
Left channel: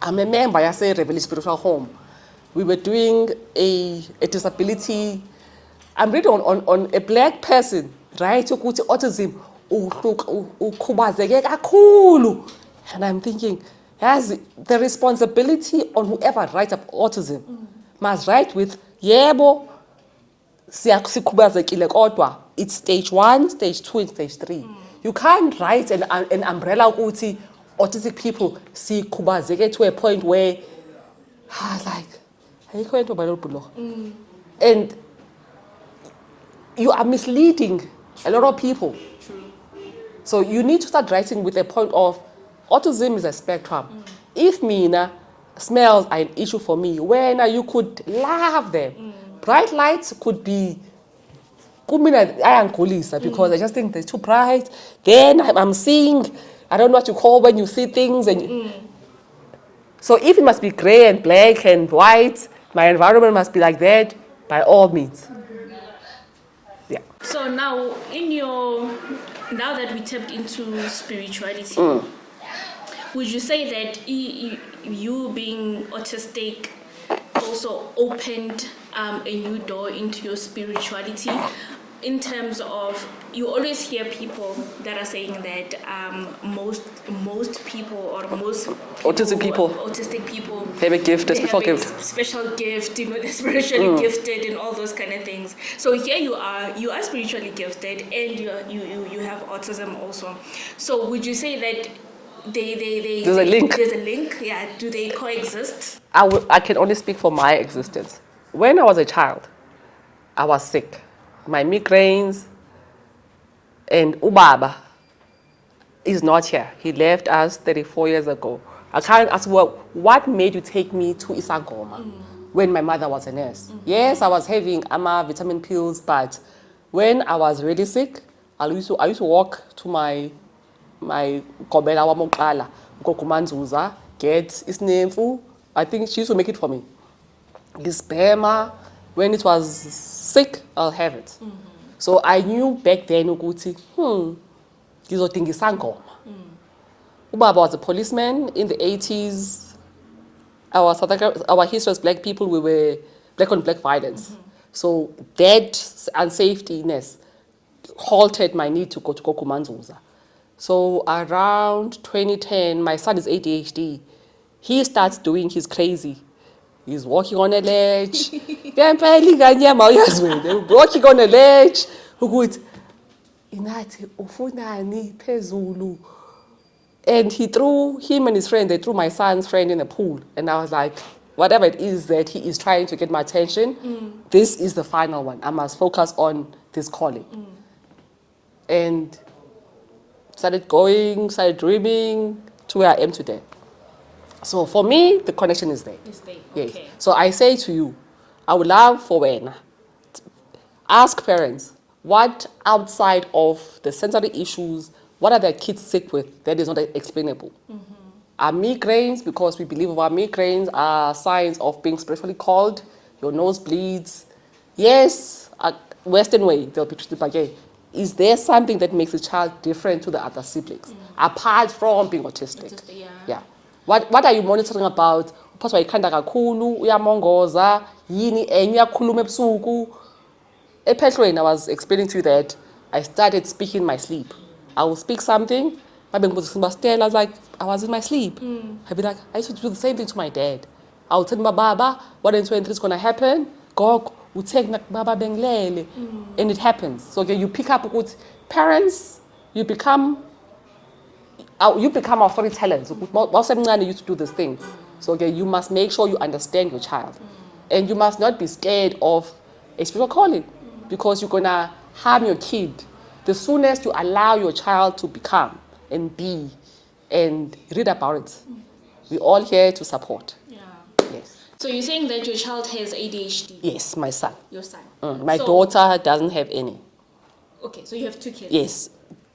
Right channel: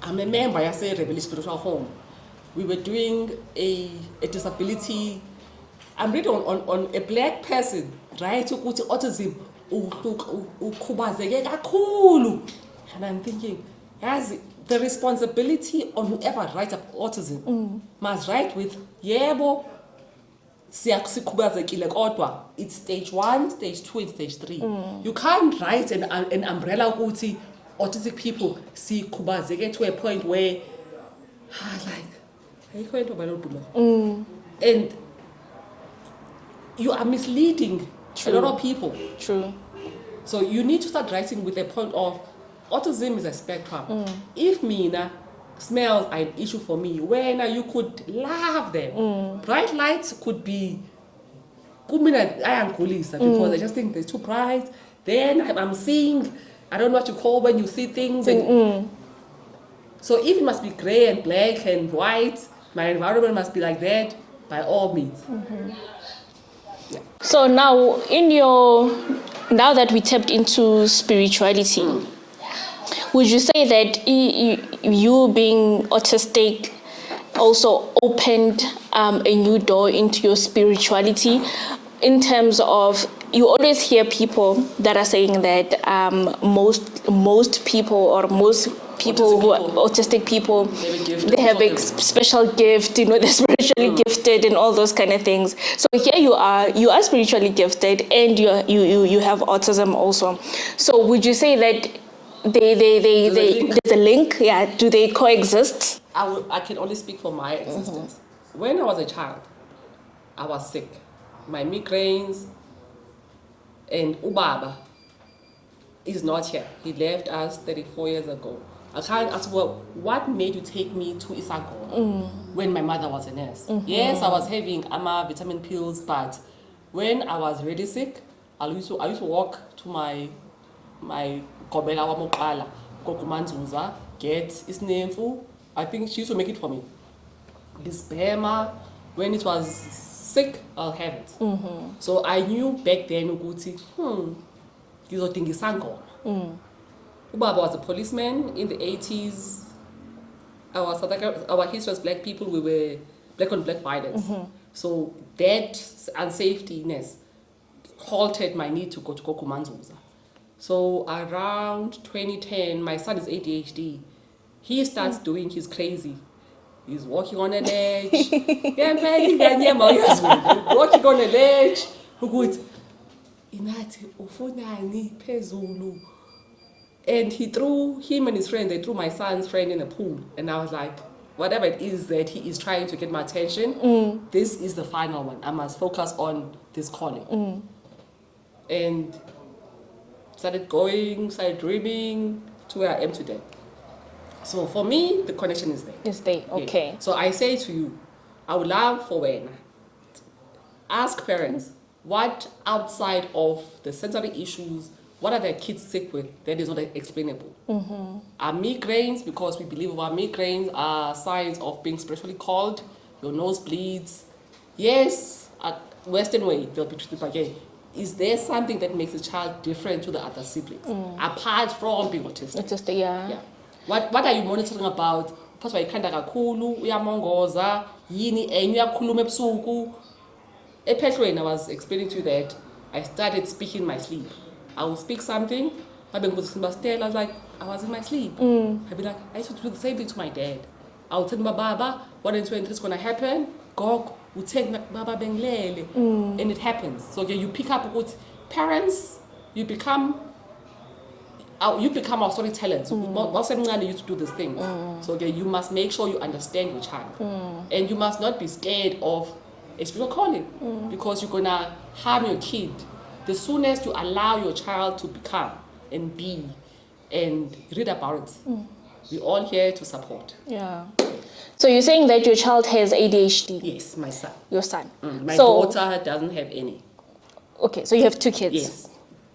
I'm a member, I say, Rebellion Spiritual Home. We were doing a disability. I'm reading on a black person, right? Autism. And I'm thinking, has the responsibility on whoever writes up autism must write with yebo siyakhubazekile kodwa it's stage 1, stage 2, and stage 3. You can't write an umbrella ukuthi autistic people sikhubazeke to a point where and you are misleading a lot of people. True. So you need to start writing with a point of autism is a spectrum. If Mina smells are an issue for me, when you could love them. Bright lights could be because I just think they're too bright. Then I'm seeing, I don't know what you call when you see things. And so if it must be gray and black and white, my environment must be like that, by all means. Yeah. So now, now that we tapped into spirituality, would you say that you being autistic also opened a new door into your spirituality? In terms of, you always hear people that are saying that most people or most people autistic people, they have a gift, they have a special gift, they're spiritually gifted and all those kind of things. So here you are spiritually gifted and you have autism also. So would you say that there's a link? Yeah. Do they coexist? I can only speak for my existence. When I was a child, I was sick. My migraines, and Ubaba is not here. He left us 34 years ago. I can't ask, well, what made you take me to Isangoma when my mother was a nurse? Yes, I was having vitamin pills, but when I was really sick, I used to walk to my Kobela wa Mokala, Gokumanzuza, get isnemfu. I think she used to make it for me. Gispema, when it was sick, I'll have it. So I knew back then ukuthi ngizodinga isangoma. Ubaba was a policeman in the 80s. Our history as black people, we were black on black violence. So that unsafetyness halted my need to go to Kokumanzuza. So around 2010, my son is ADHD. He starts doing his crazy. He's walking on a ledge. Walking on a ledge. And he threw him and his friend, they threw my son's friend in the pool. And I was like, whatever it is that he is trying to get my attention, this is the final one. I must focus on this calling. And started dreaming to where I am today. So for me, the connection is there. It's there, okay. Yes. So I say to you, I would love for when, ask parents, what outside of the sensory issues, what are their kids sick with that is not explainable? Are migraines, because we believe our migraines are signs of being spiritually called, your nose bleeds. Yes, a Western way, they'll be treated again. Is there something that makes a child different to the other siblings, apart from being autistic? Autistic, yeah. Yeah. What are you monitoring about? Phoswa ikhanda kakhulu, uyamongoza, yini enye uyakhuluma ebusuku. Ephehlweni, I was explaining to you that I started speaking in my sleep. I will speak something, I was like, I was in my sleep. I'd be like, I used to do the same thing to my dad. I would tell my Baba, 1 and 2 and 3 is going to happen. Go, would take Baba Benglele. And it happens. So you pick up with parents, you become our storytellers. You used to do this thing. So you must make sure you understand your child. And you must not be scared of a spiritual calling, because you're going to harm your kid. The soonest you allow your child to become and be and read about it, we're all here to support. Yeah. So you're saying that your child has ADHD? Yes, my son. Your son. My daughter doesn't have any. Okay, so you have 2 kids? Yes.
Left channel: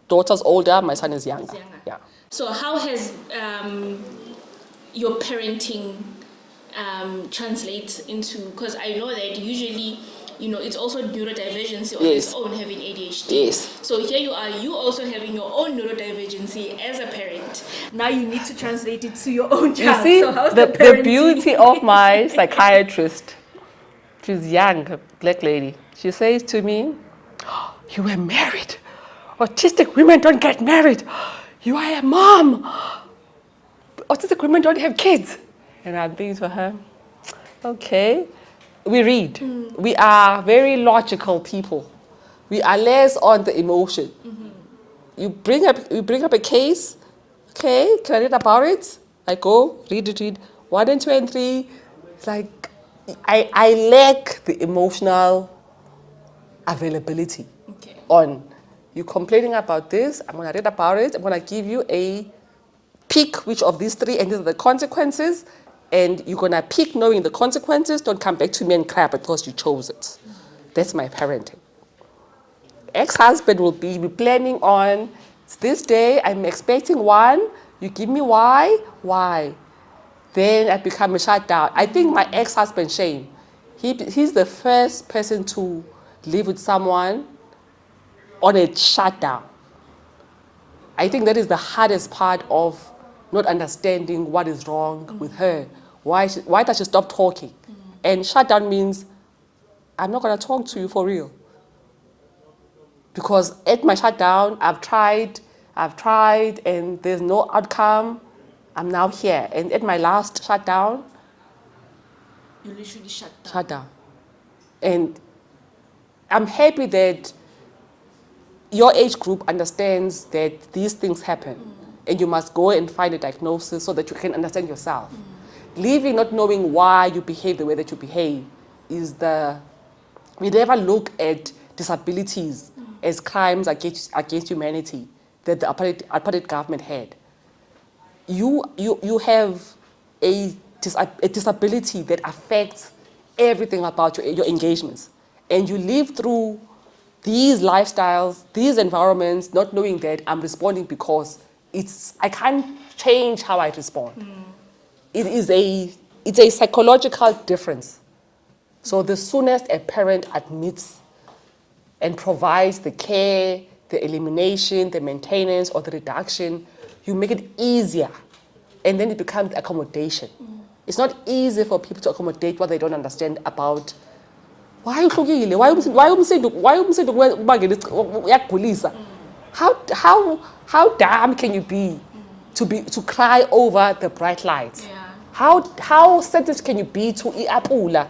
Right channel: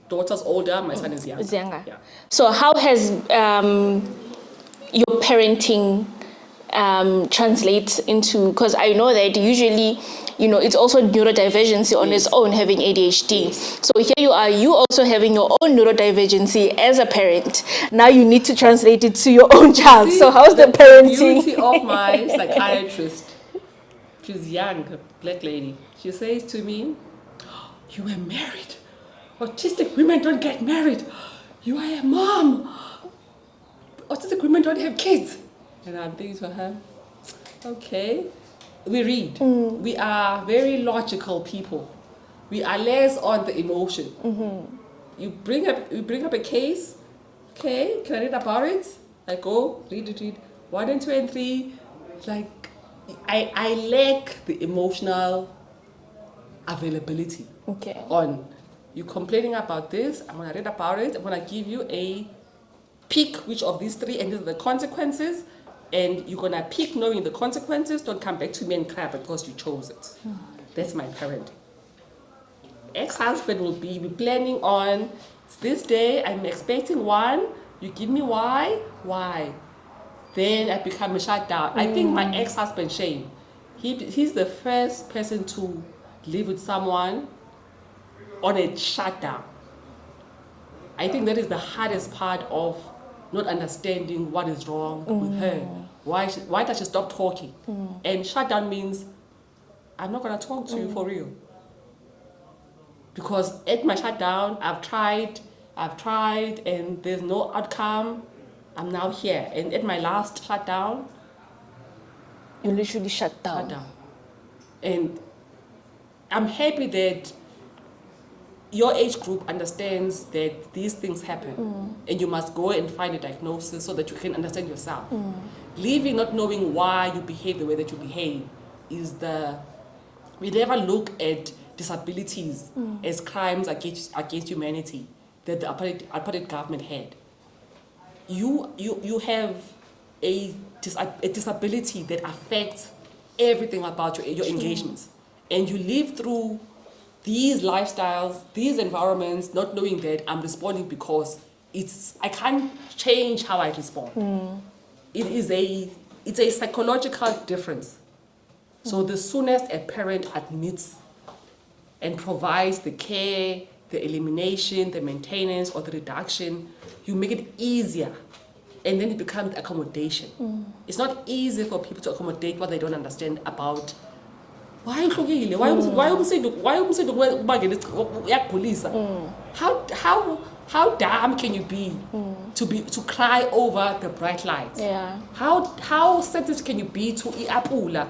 Daughter's older, my son is younger. Is younger. Yeah. So how has your parenting translate into, because I know that usually, it's also neurodivergency on its own, having ADHD. Yes. So here you are, you also having your own neurodivergency as a parent. Now you need to translate it to your own child. See, so how's the the parenting? beauty of my psychiatrist? She's young, a black lady. She says to me, you were married. Autistic women don't get married. You are a mom. Autistic women don't have kids. And I'm thinking to her, okay. We read. We are very logical people. We are less on the emotion. You bring up a case. Okay, can I read about it? I go read 1 and 2 and 3. It's like I lack the emotional availability. Okay. On you complaining about this, I'm gonna read about it. I'm gonna give you a pick which of these 3 and these are the consequences. And you're going to pick knowing the consequences. Don't come back to me and cry because you chose it. That's my parenting. Ex-husband will be planning on, this day, I'm expecting 1. You give me why? Then I become a shutdown. I think my ex-husband, Shane, he's the first person to live with someone on a shutdown. I think that is the hardest part of not understanding what is wrong with her. Why does she stop talking? And shutdown means, I'm not going to talk to you for real. Because at my shutdown, I've tried, and there's no outcome. I'm now here. And at my last shutdown, You literally shut down. And I'm happy that your age group understands that these things happen, and you must go and find a diagnosis so that you can understand yourself. Leaving not knowing why you behave the way that you behave we never look at disabilities as crimes against humanity that the apartheid government had. You have a disability that affects everything about your engagements, and you live through these lifestyles, these environments, not knowing that I'm responding because I can't change how I respond. It's a psychological difference. So the soonest a parent admits and provides the care, the elimination, the maintenance, or the reduction, you make it easier, and then it becomes accommodation. It's not easy for people to accommodate what they don't understand about. Why you hlukile? Why how dumb can you be to cry over the bright lights? Yeah. How sensitive can you be to iapula?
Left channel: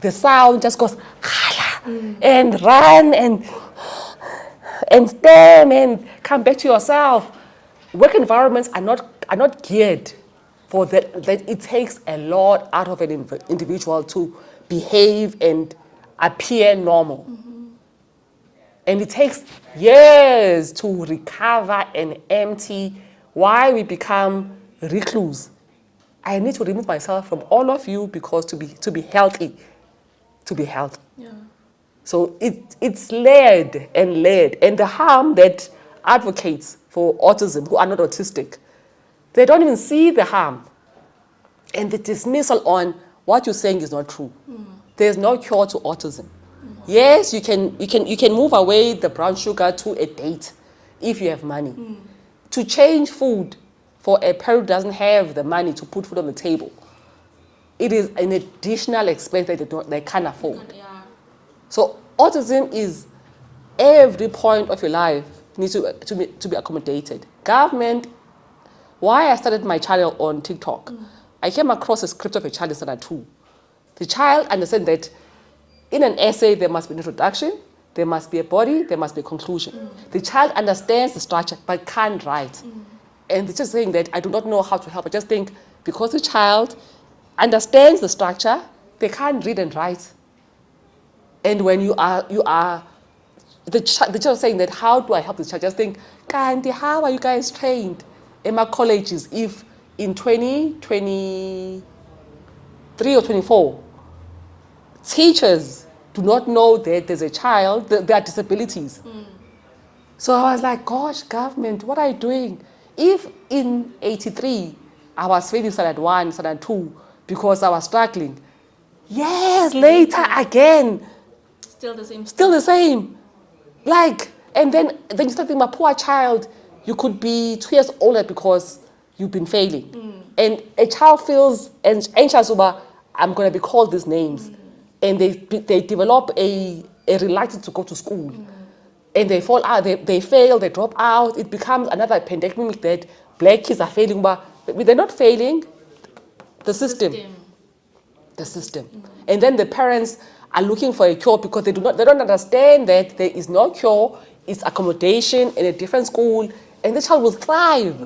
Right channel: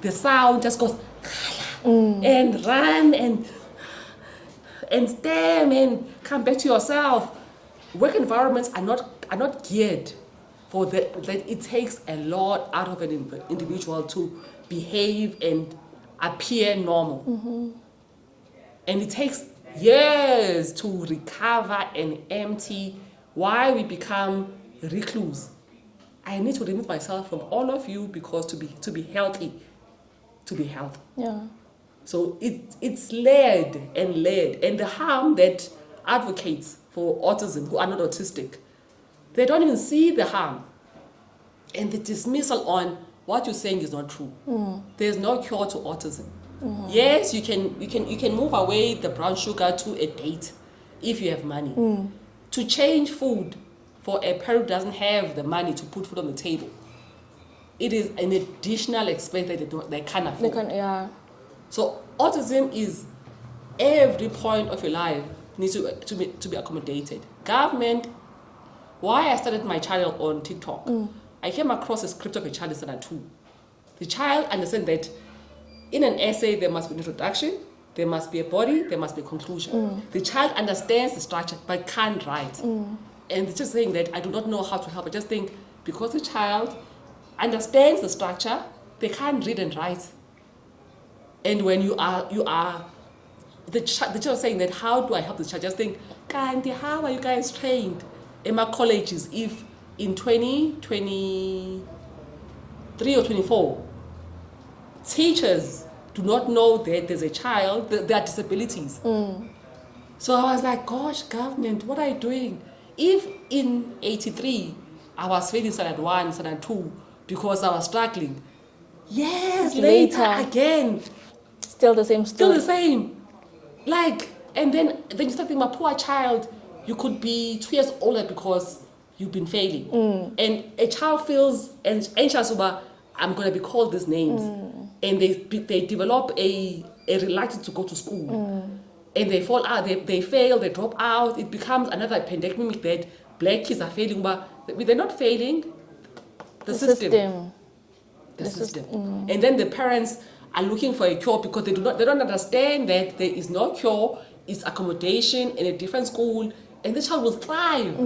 The sound just goes and run and stand and come back to yourself. Work environments are not geared for that. That it takes a lot out of an individual to behave and appear normal. And it takes years to recover and empty why we become recluse. I need to remove myself from all of you because to be healthy. Yeah. So it's layered. And the harm that advocates for autism who are not autistic, they don't even see the harm. And the dismissal on what you're saying is not true. There's no cure to autism. Yes, you can move away the brown sugar to a date if you have money. To change food for a parent who doesn't have the money to put food on the table, it is an additional expense that they can't afford. Yeah. So autism is every point of your life needs to be accommodated. Government. Why I started my channel on TikTok, I came across a script of a child in standard 2. The child understands that in an essay there must be an introduction, there must be a body, there must be a conclusion. The child understands the structure but can't write. And it's just saying that I do not know how to help. I just think because the child understands the structure, they can't read and write. And when you are the child saying that, how do I help this child? Just think, Kanti, how are you guys trained in my colleges if in 2023 or 24, teachers do not know that there's a child, that there are disabilities. So I was like, gosh, government, what are you doing? If in 83, I was failing standard 1, standard 2, because I was struggling, yes, later again, Still the same. still the same. Like, and then you start thinking, my poor child, you could be 2 years older because you've been failing. And a child feels anxious about, I'm going to be called these names. And they develop a reluctance to go to school. And they fall out, they fail, they drop out. It becomes another pandemic that black kids are failing, but they're not failing. The system. The system. And then the parents are looking for a cure because they don't understand that there is no cure. It's accommodation in a different school, and the child will thrive.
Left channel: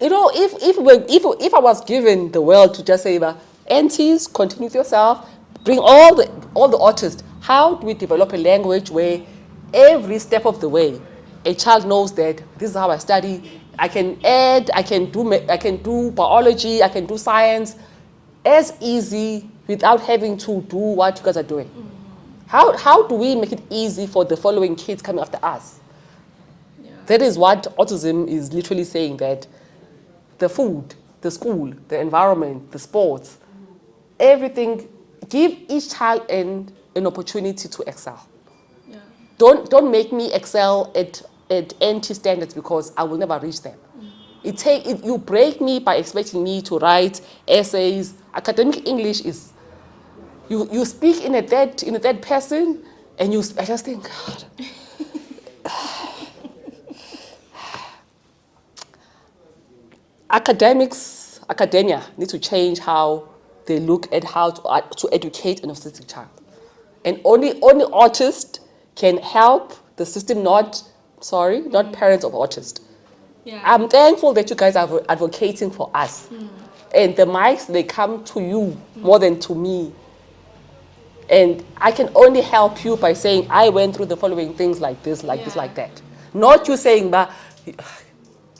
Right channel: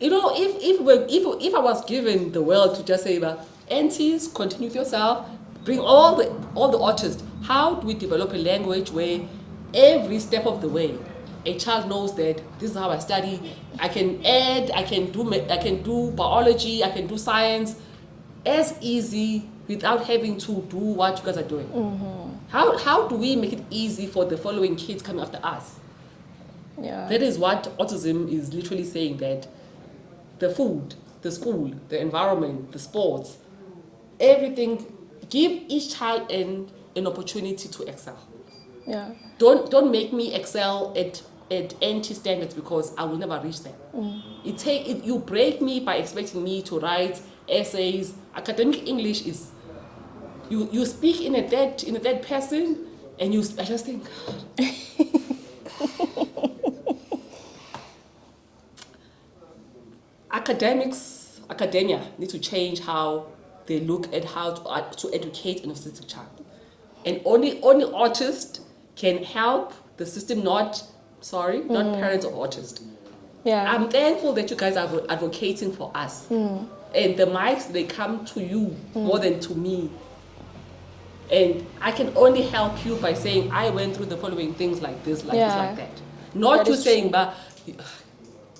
You know, if I was given the world to just say, aunties, continue with yourself, bring all the autists. How do we develop a language where every step of the way, a child knows that this is how I study. I can add, I can do biology, I can do science, as easy without having to do what you guys are doing. How do we make it easy for the following kids coming after us? Yeah. That is what autism is literally saying, that the food, the school, the environment, the sports, everything, give each child an opportunity to excel. Yeah. Don't make me excel at empty standards because I will never reach them. You break me by expecting me to write essays. Academic English is you speak in a third person, and I just think, God. Academia need to change how they look at how to educate an autistic child. And only autists can help the system, not parents of autists. Yeah. I'm thankful that you guys are advocating for us. And the mics, they come to you more than to me. And I can only help you by saying, I went through the following things like this, like this, like that. Not you saying, but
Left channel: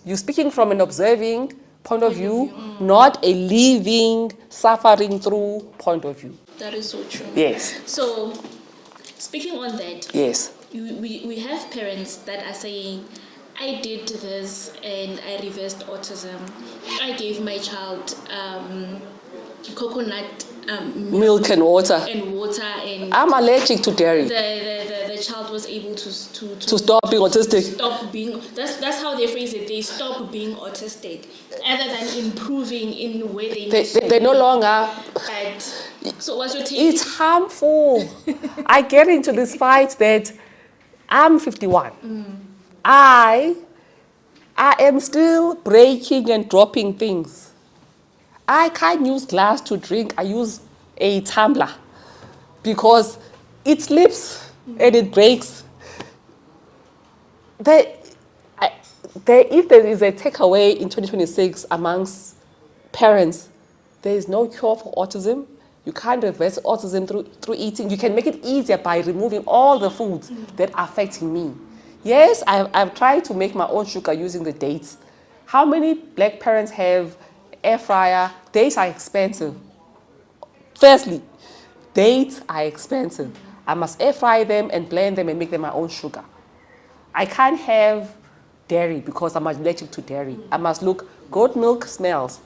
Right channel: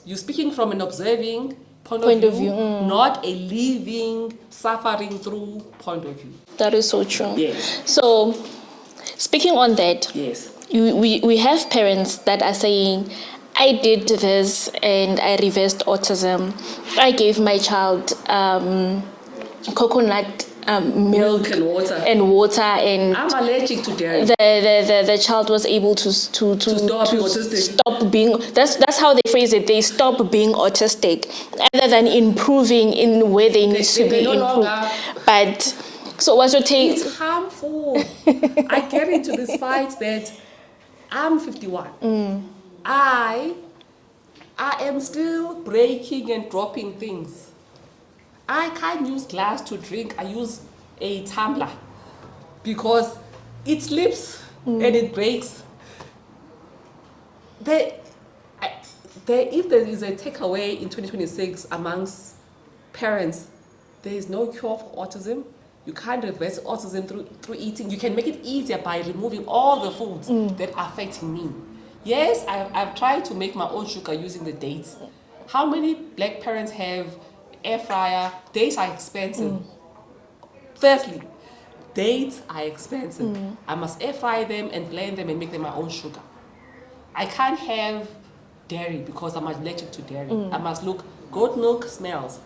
you're speaking from an observing point of view, not a living, suffering through point of view. That is so true. Yes. So, speaking on that, Yes. we have parents that are saying, I did this and I reversed autism. I gave my child coconut milk and water. And I'm allergic to dairy. the child was able to stop being autistic. Stop being. That's how they phrase it. They stop being autistic, other than improving in where they need to be. They no longer. But so what's your take? It's harmful. I get into this fight that I'm 51. I am still breaking and dropping things. I can't use glass to drink. I use a tumbler because it slips and it breaks. If there is a takeaway in 2026 amongst parents, there is no cure for autism. You can't reverse autism through eating. You can make it easier by removing all the foods that are affecting me. Yes, I've tried to make my own sugar using the dates. How many black parents have air fryer? Dates are expensive. Firstly, dates are expensive. I must air fry them and blend them and make them my own sugar. I can't have dairy because I'm allergic to dairy. I must look, goat milk smells.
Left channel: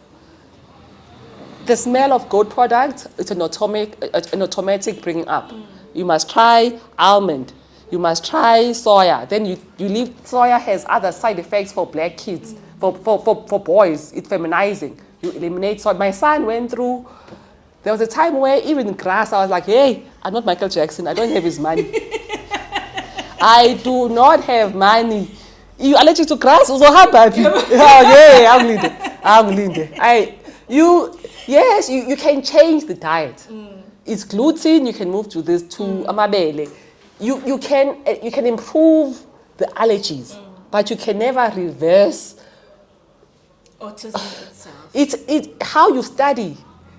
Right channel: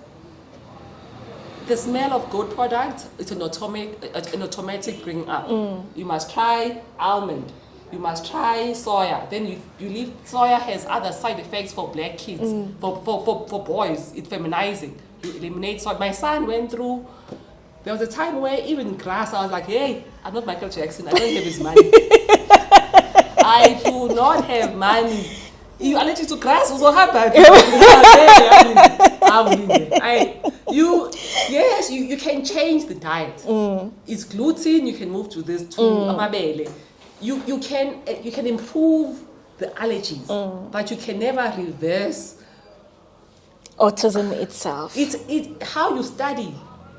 The smell of goat product is an automatic bringing up. You must try almond. You must try soya. Then you leave, soya has other side effects for black kids. For boys, it's feminizing. You eliminate soy. My son went through, there was a time where even grass, I was like, hey, I'm not Michael Jackson. I don't have his money. I do not have money. You allergic to grass? Also hard, baby. You can change the diet. It's gluten. You can move to this to amabele. You can improve the allergies, but you can never reverse Autism itself. It's how you study.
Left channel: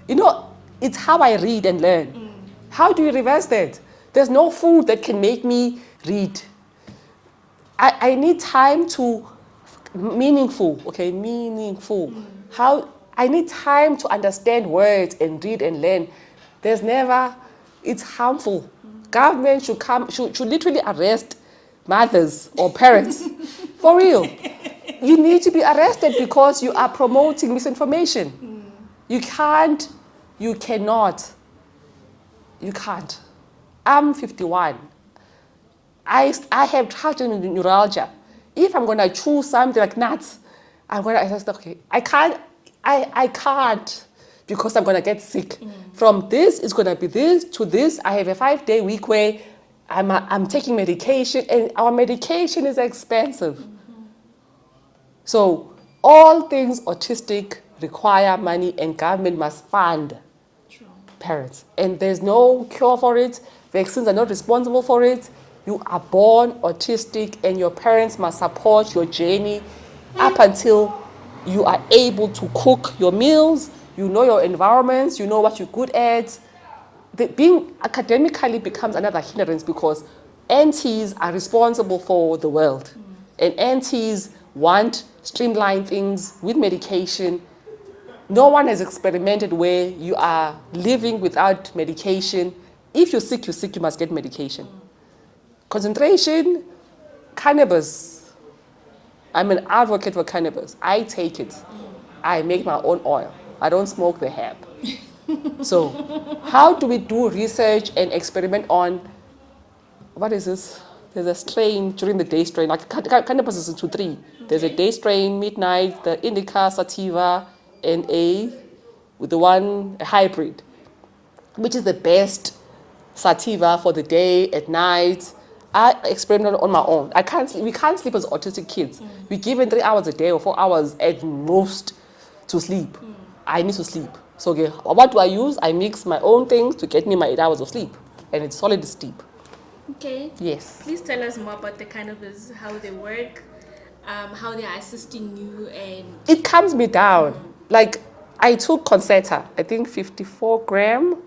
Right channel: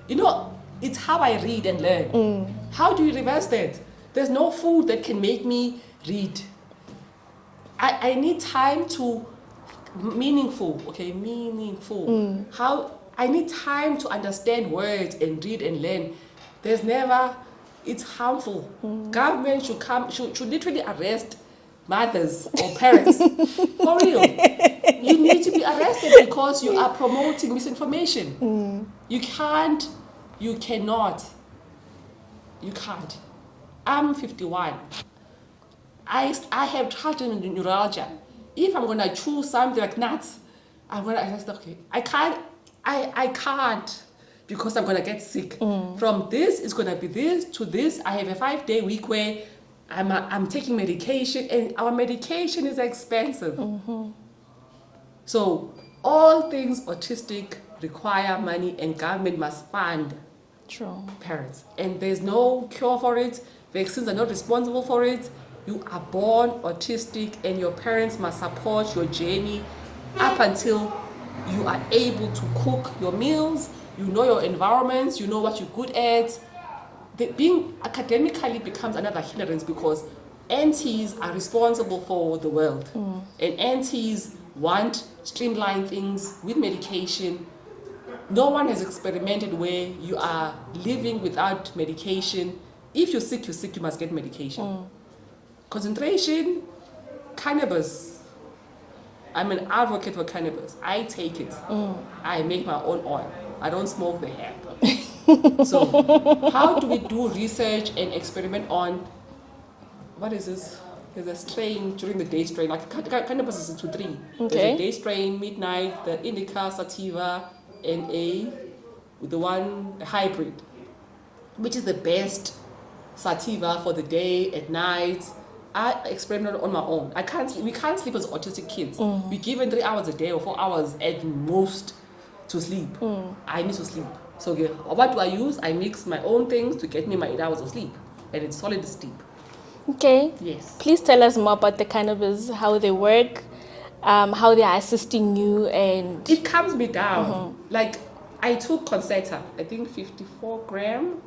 You know, it's how I read and learn. How do you reverse that? There's no food that can make me read. I need time to meaningful. How I need time to understand words and read and learn. There's never. It's harmful. Government should literally arrest mothers or parents. For real. You need to be arrested because you are promoting misinformation. You can't. You cannot. You can't. I'm 51. I have trigeminal neuralgia. If I'm going to choose something like nuts, I'm going to say, okay, I can't because I'm going to get sick. From this, it's going to be this to this. I have a 5-day week where I'm taking medication, and our medication is expensive. So all things autistic require money, and government must fund parents. And there's no cure for it. Vaccines are not responsible for it. You are born autistic, and your parents must support your journey up until you are able to cook your meals, you know your environments, you know what you're good at. Being academically becomes another hindrance because aunties are responsible for the world. And aunties want streamlined things with medication. No one has experimented where you are living without medication. If you're sick, you must get medication. Concentration, cannabis. I'm an advocate for cannabis. I take it. I make my own oil. I don't smoke the hemp. So how do we do research and experiment on, what is this? There's a strain during the day strain, like cannabis is into 3. There's a day strain, midnight, the indica, sativa, and with the one hybrid, which is the best sativa for the day, at night. I experimented on my own. We can't sleep as autistic kids. We're given 3 hours a day or 4 hours at most to sleep. I need to sleep. So what do I use? I mix my own things to get me my 8 hours of sleep. And it's solid sleep. Okay. Yes. Please tell us more about the cannabis, how they work, how they are assisting you, and... It calms me down. Like, I took Concerta, I think 54 gram.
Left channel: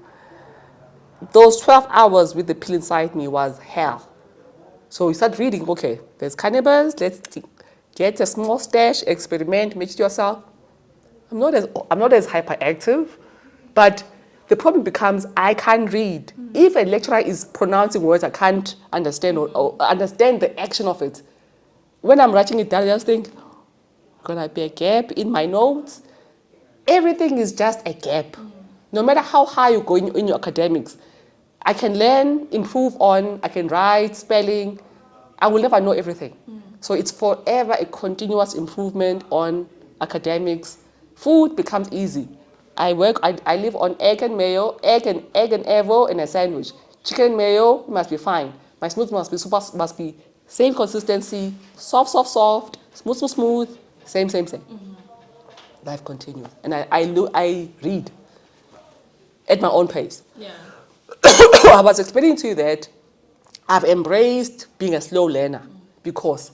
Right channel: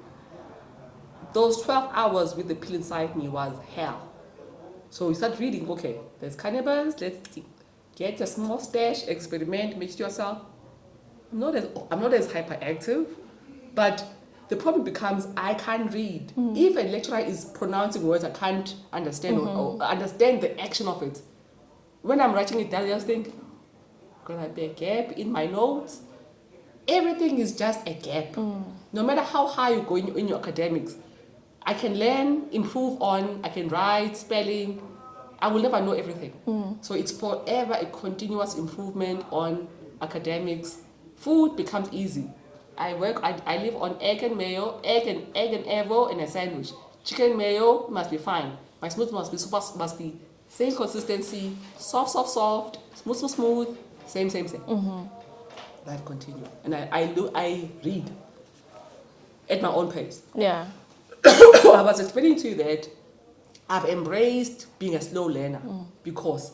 Those 12 hours with the pill inside me was hell. So you start reading, okay, there's cannabis, let's get a small stash, experiment, make it yourself. I'm not as hyperactive, but the problem becomes I can't read. If a lecturer is pronouncing words I can't understand or understand the action of it, when I'm writing it down, I just think, gonna be a gap in my notes. Everything is just a gap. no matter how high you go in your academics, I can learn, improve on, I can write, spelling. I will never know everything. So it's forever a continuous improvement on academics. Food becomes easy. I live on egg and mayo, egg and evo, and a sandwich. Chicken and mayo must be fine. My smoothie must be same consistency, soft, smooth, same. Life continues. And I read at my own pace. Yeah. I was explaining to you that I've embraced being a slow learner because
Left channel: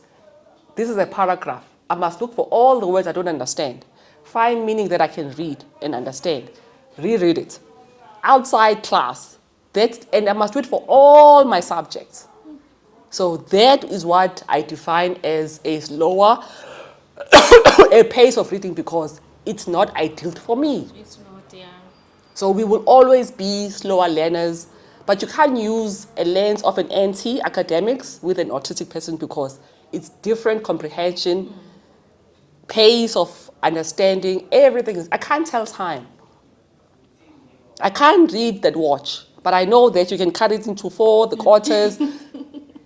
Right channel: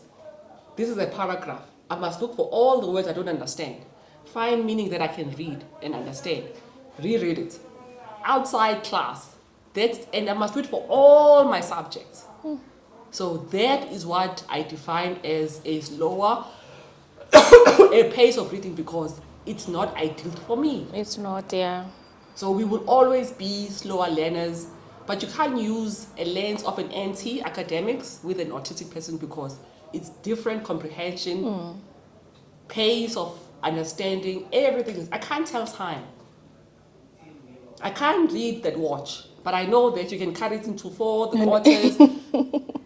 this is a paragraph. I must look for all the words I don't understand, find meaning that I can read and understand, reread it. Outside class, and I must do it for all my subjects. So that is what I define as a slower a pace of reading because it's not ideal for me. It's not, yeah. So we will always be slower learners, but you can't use a lens of an anti-academics with an autistic person because it's different comprehension, pace of understanding, everything. I can't tell time. I can't read that watch, but I know that you can cut it into 4, the quarters.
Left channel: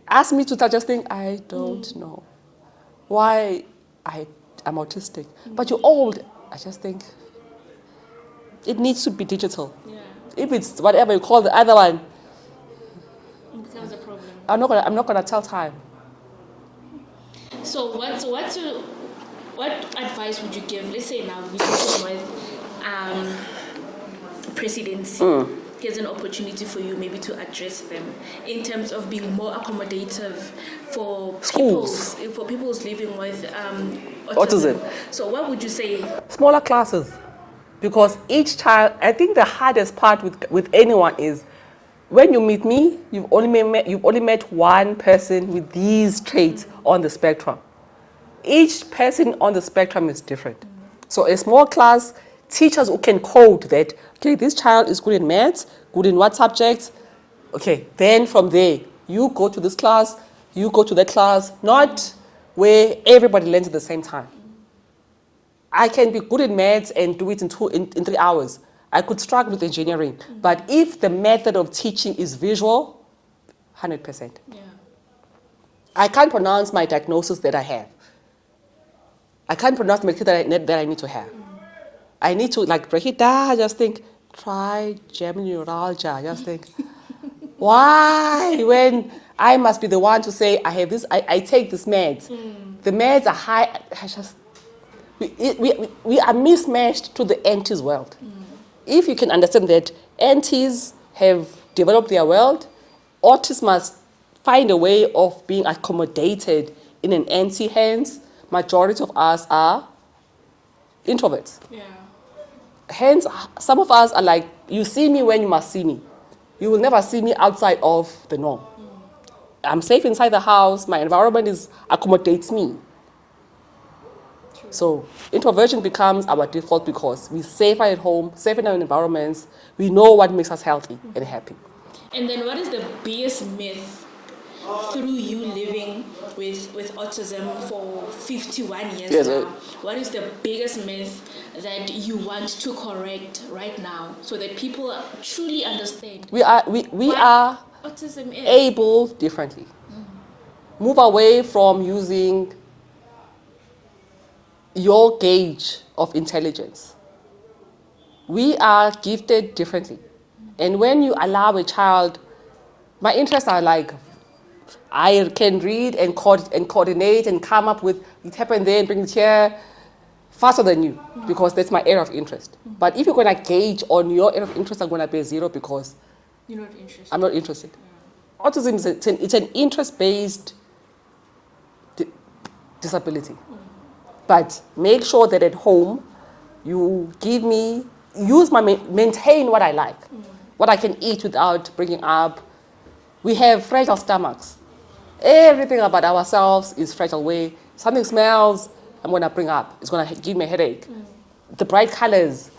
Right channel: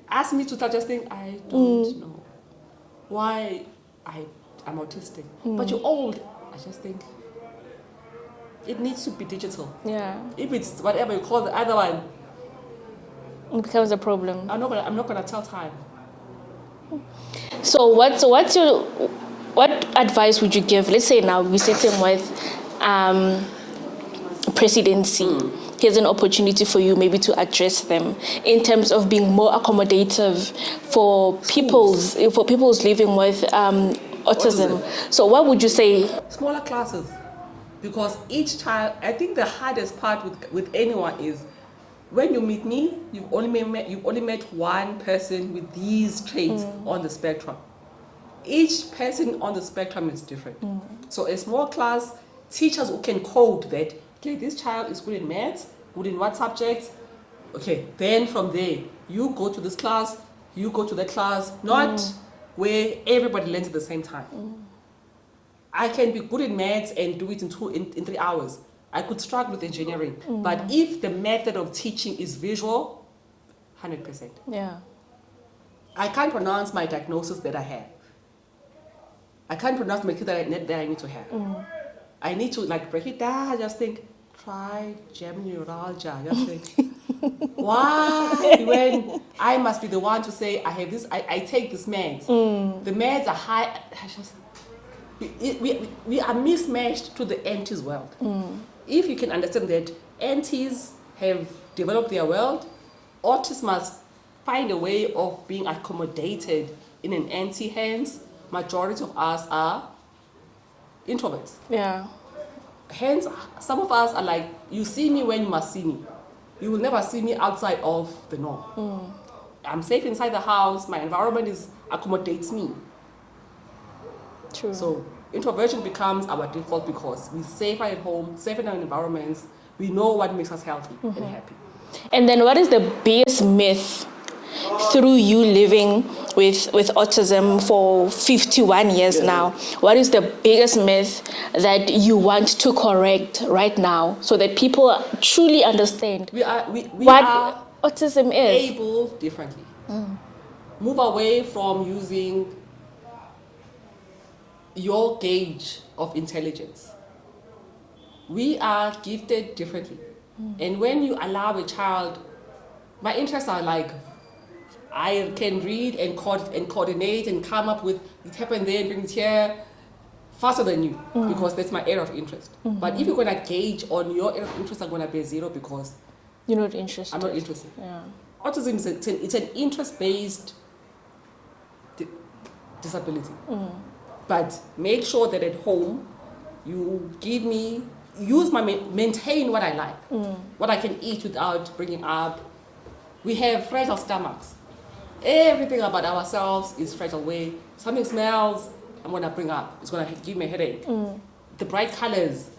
Ask me to start just think, I don't know why I'm autistic. But you're old. I just think it needs to be digital. Yeah. If it's whatever you call the other one, It becomes a problem. I'm not gonna tell time. So what advice would you give? Let's say now we're sitting with presidency. Here's an opportunity for you maybe to address them in terms of being more accommodative for people's living with autism. So what would you say? Smaller classes, because each child. I think the hardest part with anyone is when you meet me, you've only met one person with these traits on the spectrum. Each person on the spectrum is different. So a small class, teachers who can code that, okay, this child is good in maths, good in what subjects? Okay, then from there, you go to this class, you go to that class, not where everybody learns at the same time. I can be good in maths and do it in 3 hours. I could struggle with engineering. But if the method of teaching is visual, 100%. Yeah. I can't pronounce my diagnosis that I have. I can't pronounce the medication that I need to have. I need to break it down, just think, trigeminal neuralgia, just think, why? When I must be the one to say, I have this, I take this meds. The meds are high, we are mismatched to the aunties world. If you can understand that aunties have developed their world, autists must find a way of being accommodated in an auntie hands. Majority of us are introverts. Yeah. Hence, some of us are like, you see me when you must see me. You will never see me outside of the norm. I'm safe inside the house. My environment accommodates me. True. So introversion becomes our default because we're safer at home, safer in our environments. We know what makes us healthy and happy. And then what is the biggest myth through you living with autism for 51 years now? What is the biggest myth that you want to correct right now so that people truly understand We are autism is? able differently. Move away from using your gauge of intelligence. We are gifted differently. And when you allow a child, my interests are like, I can read and coordinate and come up with, it happened there and bring it here faster than you because that's my area of interest. But if you're going to gauge on your area of interest, I'm going to be 0 because You're not interested. I'm not interested. Yeah. Autism is it's an interest-based disability. But make sure that at home you maintain what I like, what I can eat without bringing up. We have fragile stomachs. Everything about ourselves is fragile. Way something smells, I'm going to bring up. It's going to give me a headache. The bright colors,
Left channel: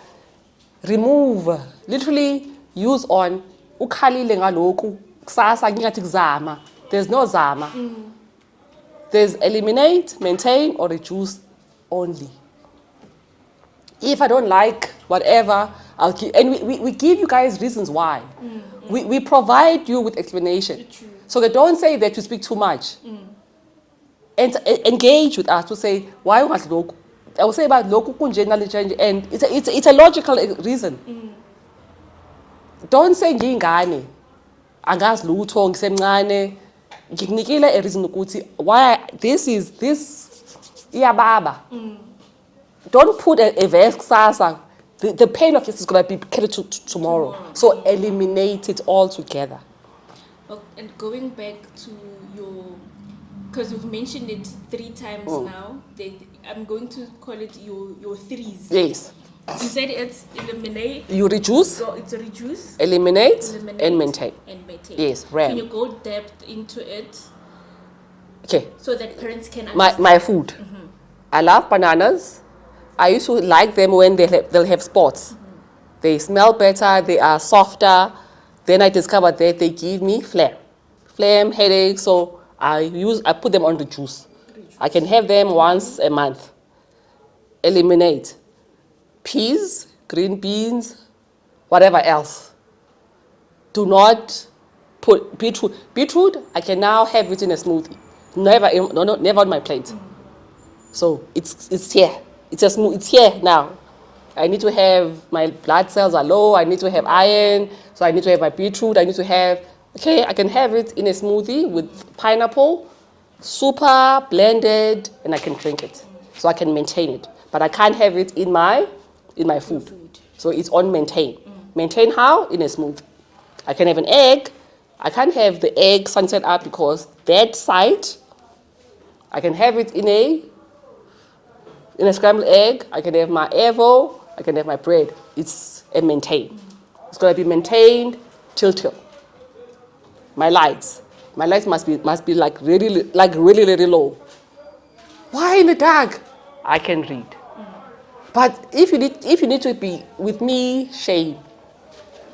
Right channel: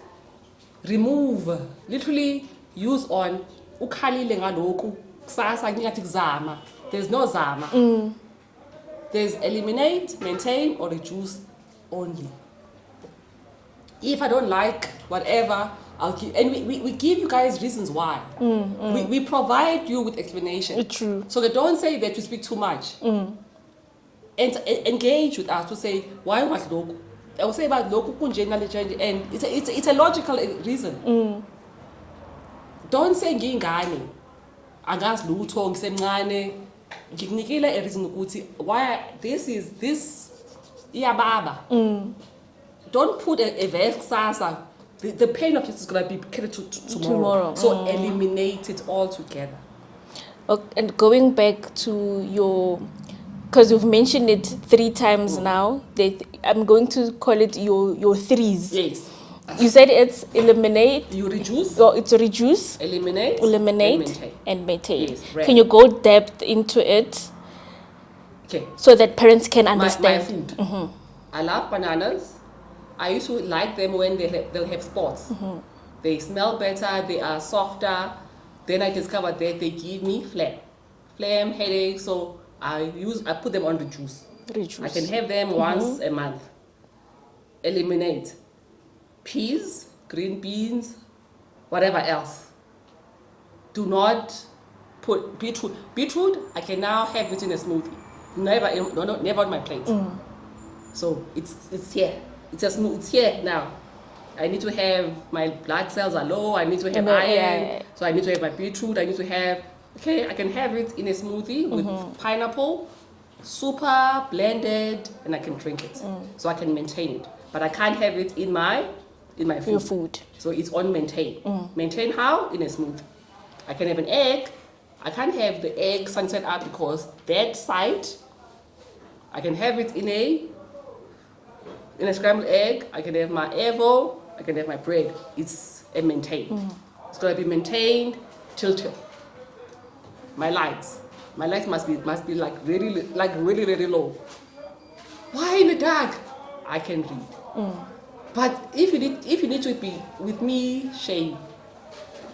remove, literally use on. Ukhalile ngaloku, kusasa ngingathi kuzama. There's no zama. There's eliminate, maintain, or reduce only. If I don't like whatever, I'll give, and we give you guys reasons why. We provide you with explanation. True. So they don't say that you speak too much. And engage with us to say, why was loku? I will say about loku kunje nalije, and it's a logical reason. Don't say ngingane. Angazi lutho ngisemncane. Ngikunikile a reason ukuthi why this iyababa. Don't put a verse kusasa. The pain of this is going to be carried to tomorrow. So eliminate it altogether. Okay, and going back to your, because you've mentioned it 3 times now, I'm going to call it your threes. Yes. You said it's eliminate. You reduce. So it's reduce. Eliminate. And maintain. Yes, right. Can you go depth into it? Okay. So that parents can understand. My food. I love bananas. I used to like them when they'll have spots. They smell better, they are softer. Then I discovered that they give me phlegm, headache. So I put them on the juice. I can have them once a month. Eliminate peas, green beans, whatever else. Do not put beetroot. Beetroot, I can now have it in a smoothie. Never on my plate. So it's here. It's here now. I need to have, my blood cells are low, I need to have iron, so I need to have my beetroot, I can have it in a smoothie with pineapple, super blended, and I can drink it. So I can maintain it. But I can't have it in my food. Your food. So it's on maintain. Maintain how? In a smoothie. I can have an egg. I can't have the egg sunset up because that side, I can have it in a scrambled egg. I can have my Evo. I can have my bread. It's a maintain. It's going to be maintained till. My lights must be like really low. Why in the dark? I can read. But if you need to be with me, shame.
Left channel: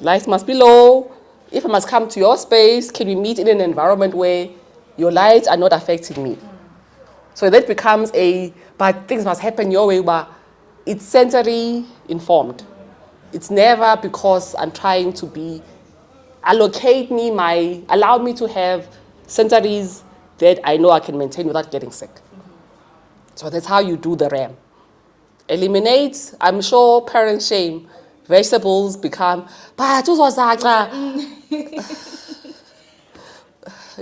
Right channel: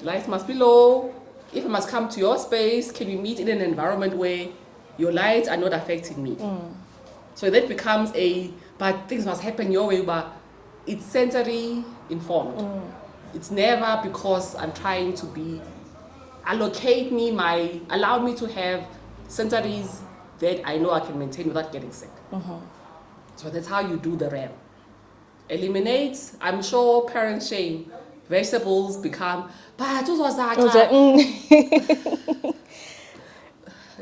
Lights must be low. If I must come to your space, can we meet in an environment where your lights are not affecting me? So that becomes but things must happen your way, but it's sensory informed. It's never because I'm trying to allow me to have sensories that I know I can maintain without getting sick. So that's how you do the RAM. Eliminate, I'm sure parents shame. Vegetables become, but you're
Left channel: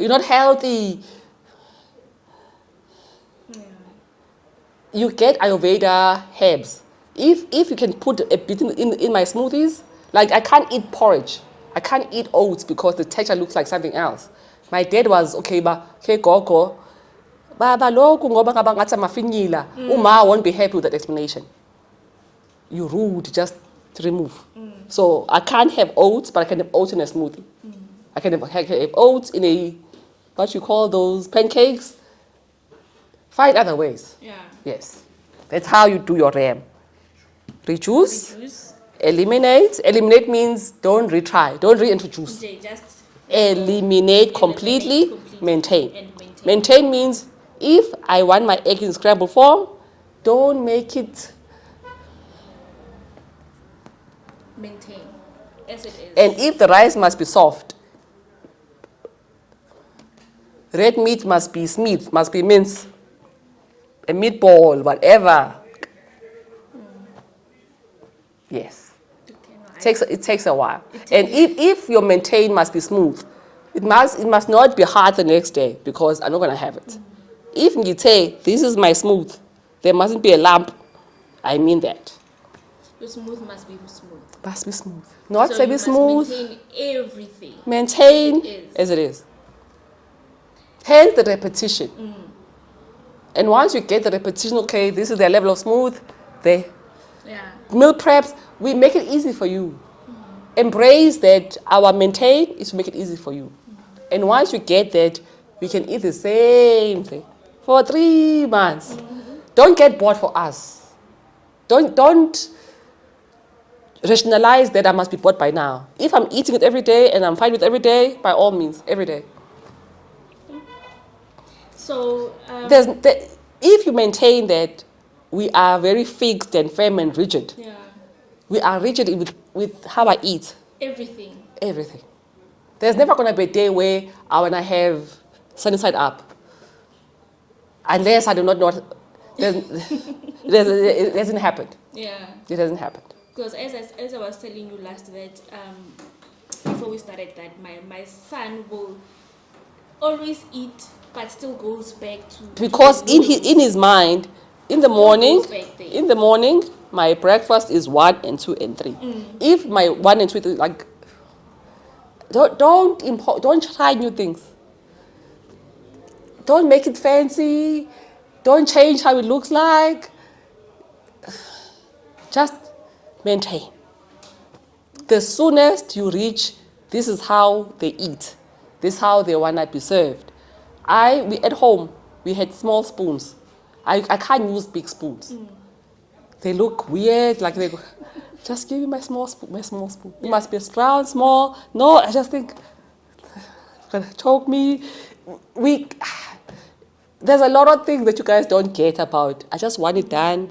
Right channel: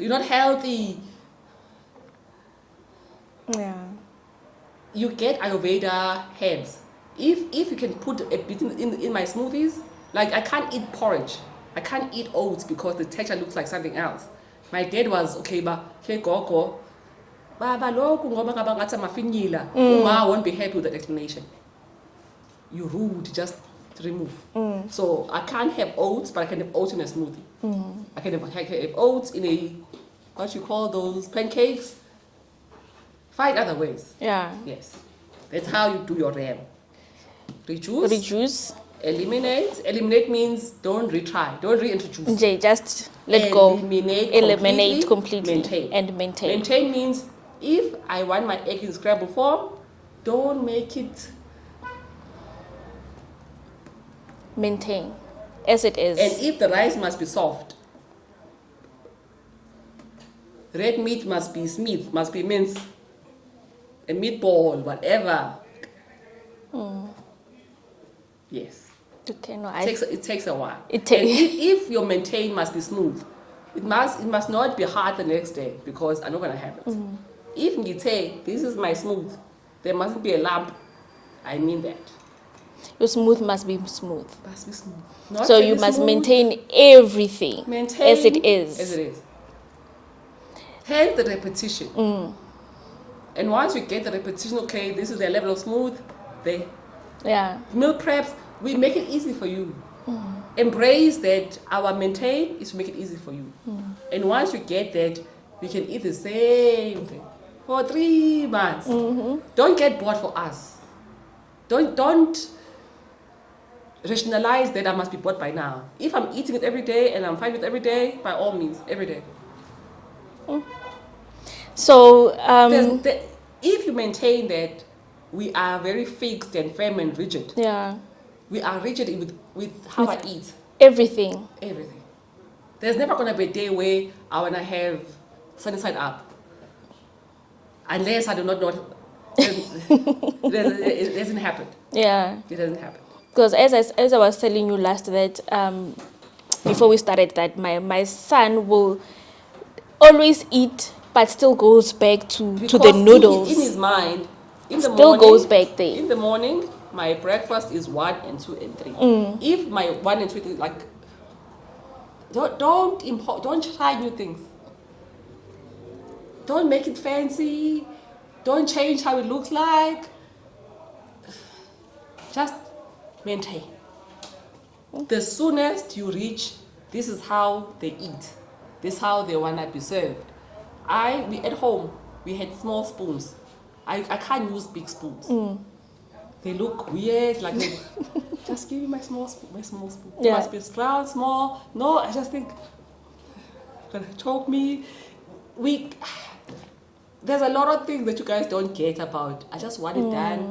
not healthy. Yeah. You get Ayurveda herbs. If you can put a bit in my smoothies, like I can't eat porridge. I can't eat oats because the texture looks like something else. My dad was, gogo. Baba loku ngoba ngaba ngathi amafinyila. Uma won't be happy with that explanation. You're rude, just remove. So I can't have oats, but I can have oats in a smoothie. I can have oats in a, what you call those, pancakes. Find other ways. Yeah. Yes. That's how you do your RAM. Reduce. Eliminate. Eliminate means don't retry. Don't reintroduce. Just let eliminate go. Completely. Maintain. Maintain means if I want my egg in scrambled form, don't make it. Maintain as it is. And if the rice must be soft, red meat must be smith, must be minced, a meatball, whatever. Yes. Okay, no, it takes a while. And if your maintain must be smooth, it must not be hard the next day because I'm not going to have it. If you say, this is my smooth, there mustn't be a lump, I mean that. Your smooth must be smooth. Must be smooth. Not so you must maintain everything as it is. Hence the repetition. And once you get the repetition, okay, this is the level of smooth, meal preps, we make it easy for you. Embrace that our maintain is to make it easy for you. And once you get that, we can eat the same thing for 3 months. Don't get bored for us. Don't rationalize that I must be bored by now. If I'm eating it every day and I'm fine with every day, by all means, every day. So, if you maintain that we are very fixed and firm and rigid. Yeah. We are rigid with how I eat. Everything. Everything. There's never going to be a day where I want to have sunny side up. Unless I do not know. It doesn't happen. Yeah. It doesn't happen. Because as I was telling you last that before we started that my son will always eat but still goes back to Because the noodles. in his mind, in the Still morning, goes back there. in the morning, my breakfast is 1 and 2 and 3. If my 1 and 2 is like, don't try new things. Don't make it fancy. Don't change how it looks like. Just maintain. The soonest you reach, this is how they eat. This is how they want to be served. We at home, we had small spoons. I can't use big spoons. They look weird, like they just give me my small spoon, It must be round, small. No, I just think, gonna choke me. There's a lot of things that you guys don't get about. I just want it done.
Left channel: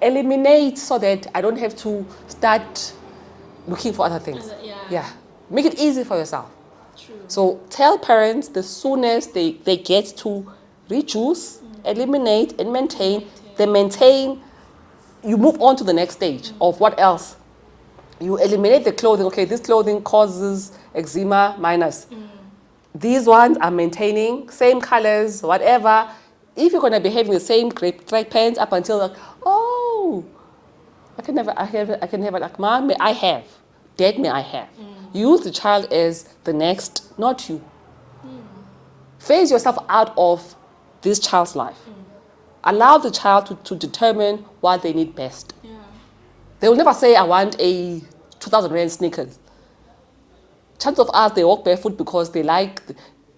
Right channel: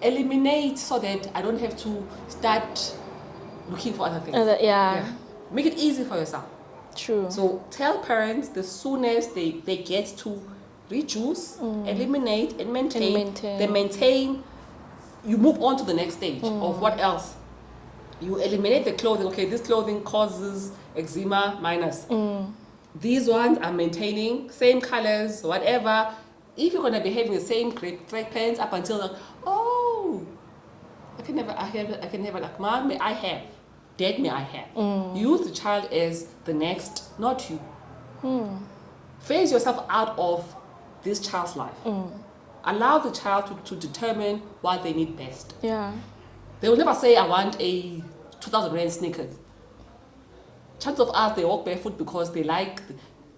Eliminate so that I don't have to start looking for other things. Yeah. Make it easy for yourself. True. So tell parents the soonest they get to reduce, eliminate, and maintain. They maintain. You move on to the next stage of what else. You eliminate the clothing. Okay, this clothing causes eczema minus. These ones are maintaining, same colors, whatever. If you're going to be having the same striped pants up until like, oh, I can never like, Mom, may I have? Dad, may I have? Use the child as the next, not you. Phase yourself out of this child's life. Allow the child to determine what they need best. Yeah. They will never say, I want a 2,000 Rand sneakers. Chances of us, they walk barefoot because they like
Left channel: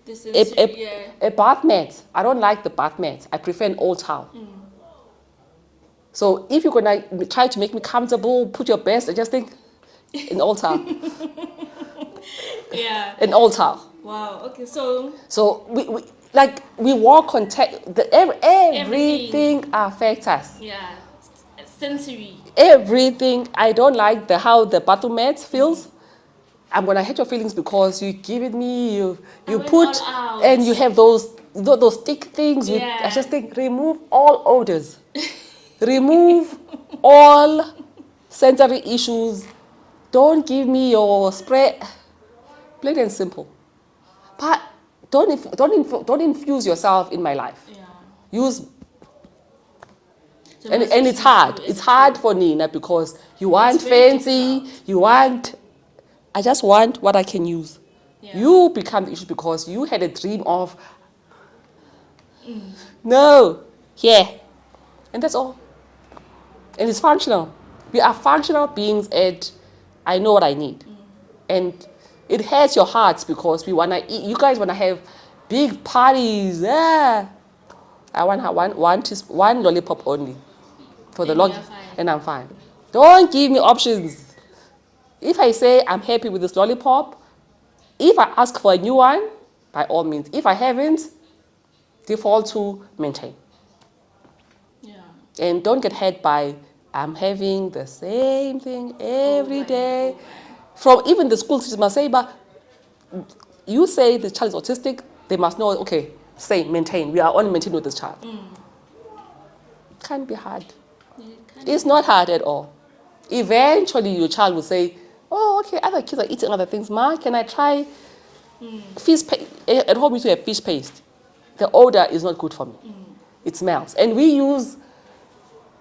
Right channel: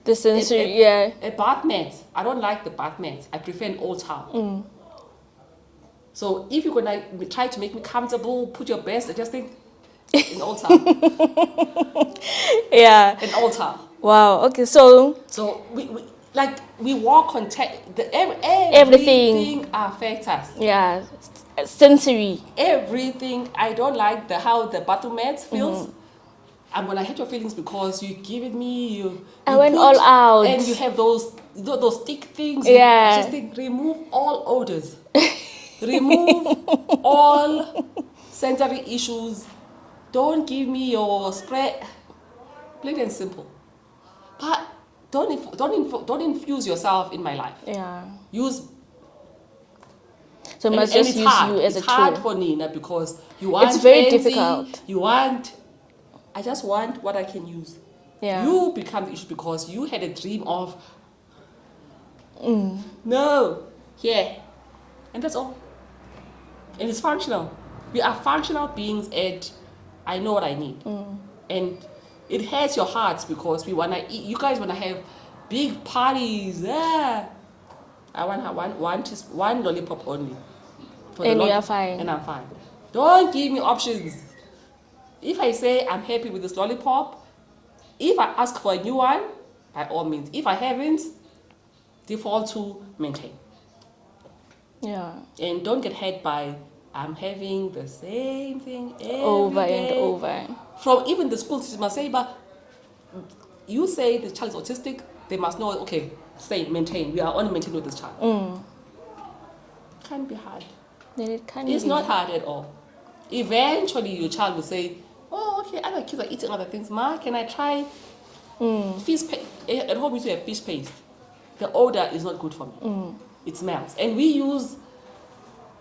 The sensory, a bath mat. I don't like the bath mat. I prefer an old towel. So if you're going to try to make me comfortable, put your best, I just think, an old towel. Yeah. An old towel. Wow. Okay. So we walk on everything affects us. yeah, sensory. Everything. I don't like how the bathroom mat feels. I'm gonna hurt your feelings because you give it me. You went put all out. and you have those thick things. Yeah. I just think remove all odors. Remove all sensory issues. Don't give me your spray. Plain and simple. But don't infuse yourself in my life. Yeah. Use. So And must just it's use hard. you as It's a hard tool. for Nina because you want It's very fancy. difficult. You want. I just want what I can use. Yeah. You become the issue because you had a dream of. No. Yeah. And that's all. And it's functional. We are functional beings and I know what I need. And it hurts your hearts because we want to eat. You guys want to have big parties. Yeah. I want one lollipop only. For And you're fine. And I'm fine. Don't give me options. If I say I'm happy with this lollipop, if I ask for a new one, by all means. If I haven't, default to maintain. Yeah. And don't get hurt by I'm having the same thing every Over day. and over. From even the school teachers must say, but you say the child is autistic, they must know, okay, maintain. We are only maintaining with this child. Can't be hard. Then it can It's be. not hard at all. Eventually, your child will say, oh, okay, other kids are eating other things. Ma, can I try fish paste? At home, we used to have fish paste. The odor is not good for me. It smells. And we use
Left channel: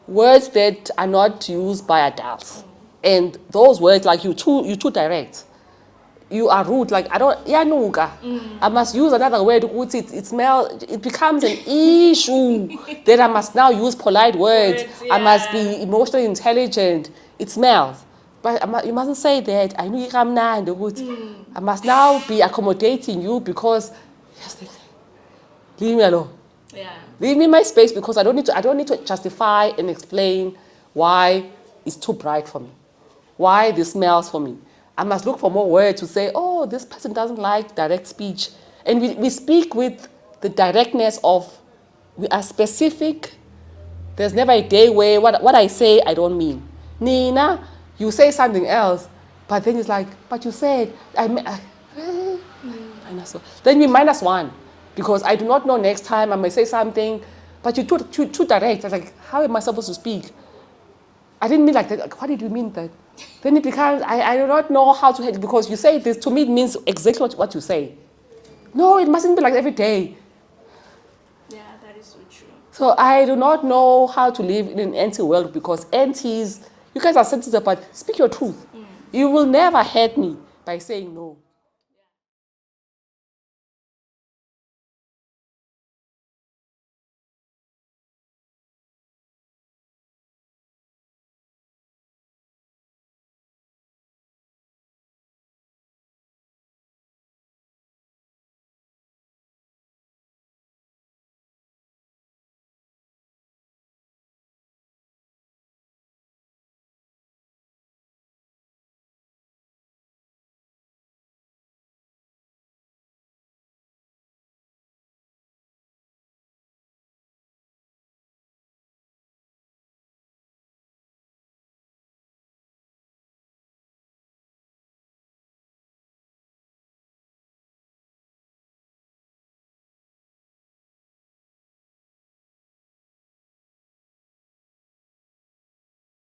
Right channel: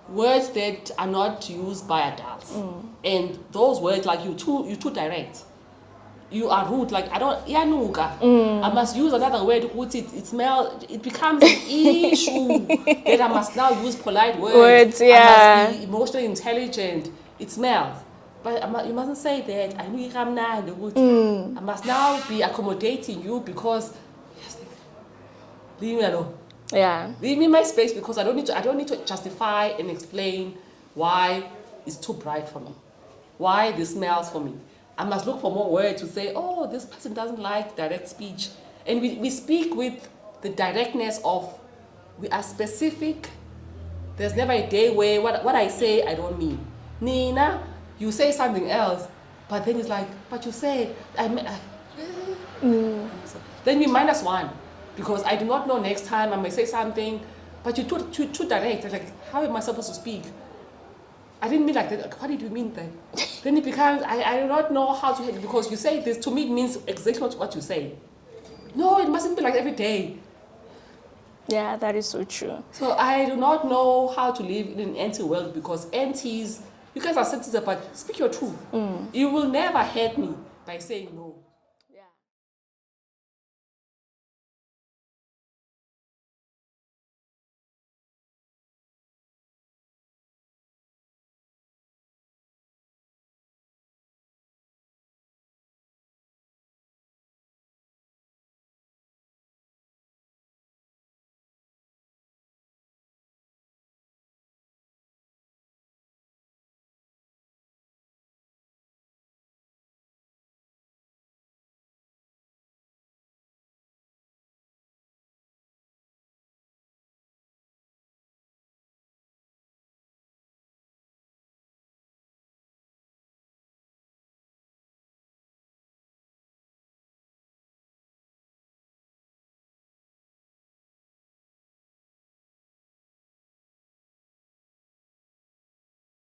words that are not used by adults. And those words, like you're too direct. You are rude, like I don't, yanuka. I must use another word, it smells, it becomes an issue. Then I must now use polite words. Yeah. I must be emotionally intelligent. It smells. But you mustn't say that. I know you come now and I must now be accommodating you because just leave me alone. Yeah. Leave me in my space because I don't need to justify and explain why it's too bright for me. Why this smells for me. I must look for more words to say, oh, this person doesn't like direct speech. And we speak with the directness of, we are specific There's never a day where what I say, I don't mean. Nina, you say something else, but then it's like, but you said, then we -1, because I do not know next time I may say something, but you're too direct. I'm like, how am I supposed to speak? I didn't mean like that. Like, what did you mean that? Then it becomes, I do not know how to handle, because you say this, to me it means exactly what you say. No, it mustn't be like every day. Yeah, that is so true. So I do not know how to live in an anti world, because aunties, you guys are sensitive, but speak your truth. You will never hurt me by saying no.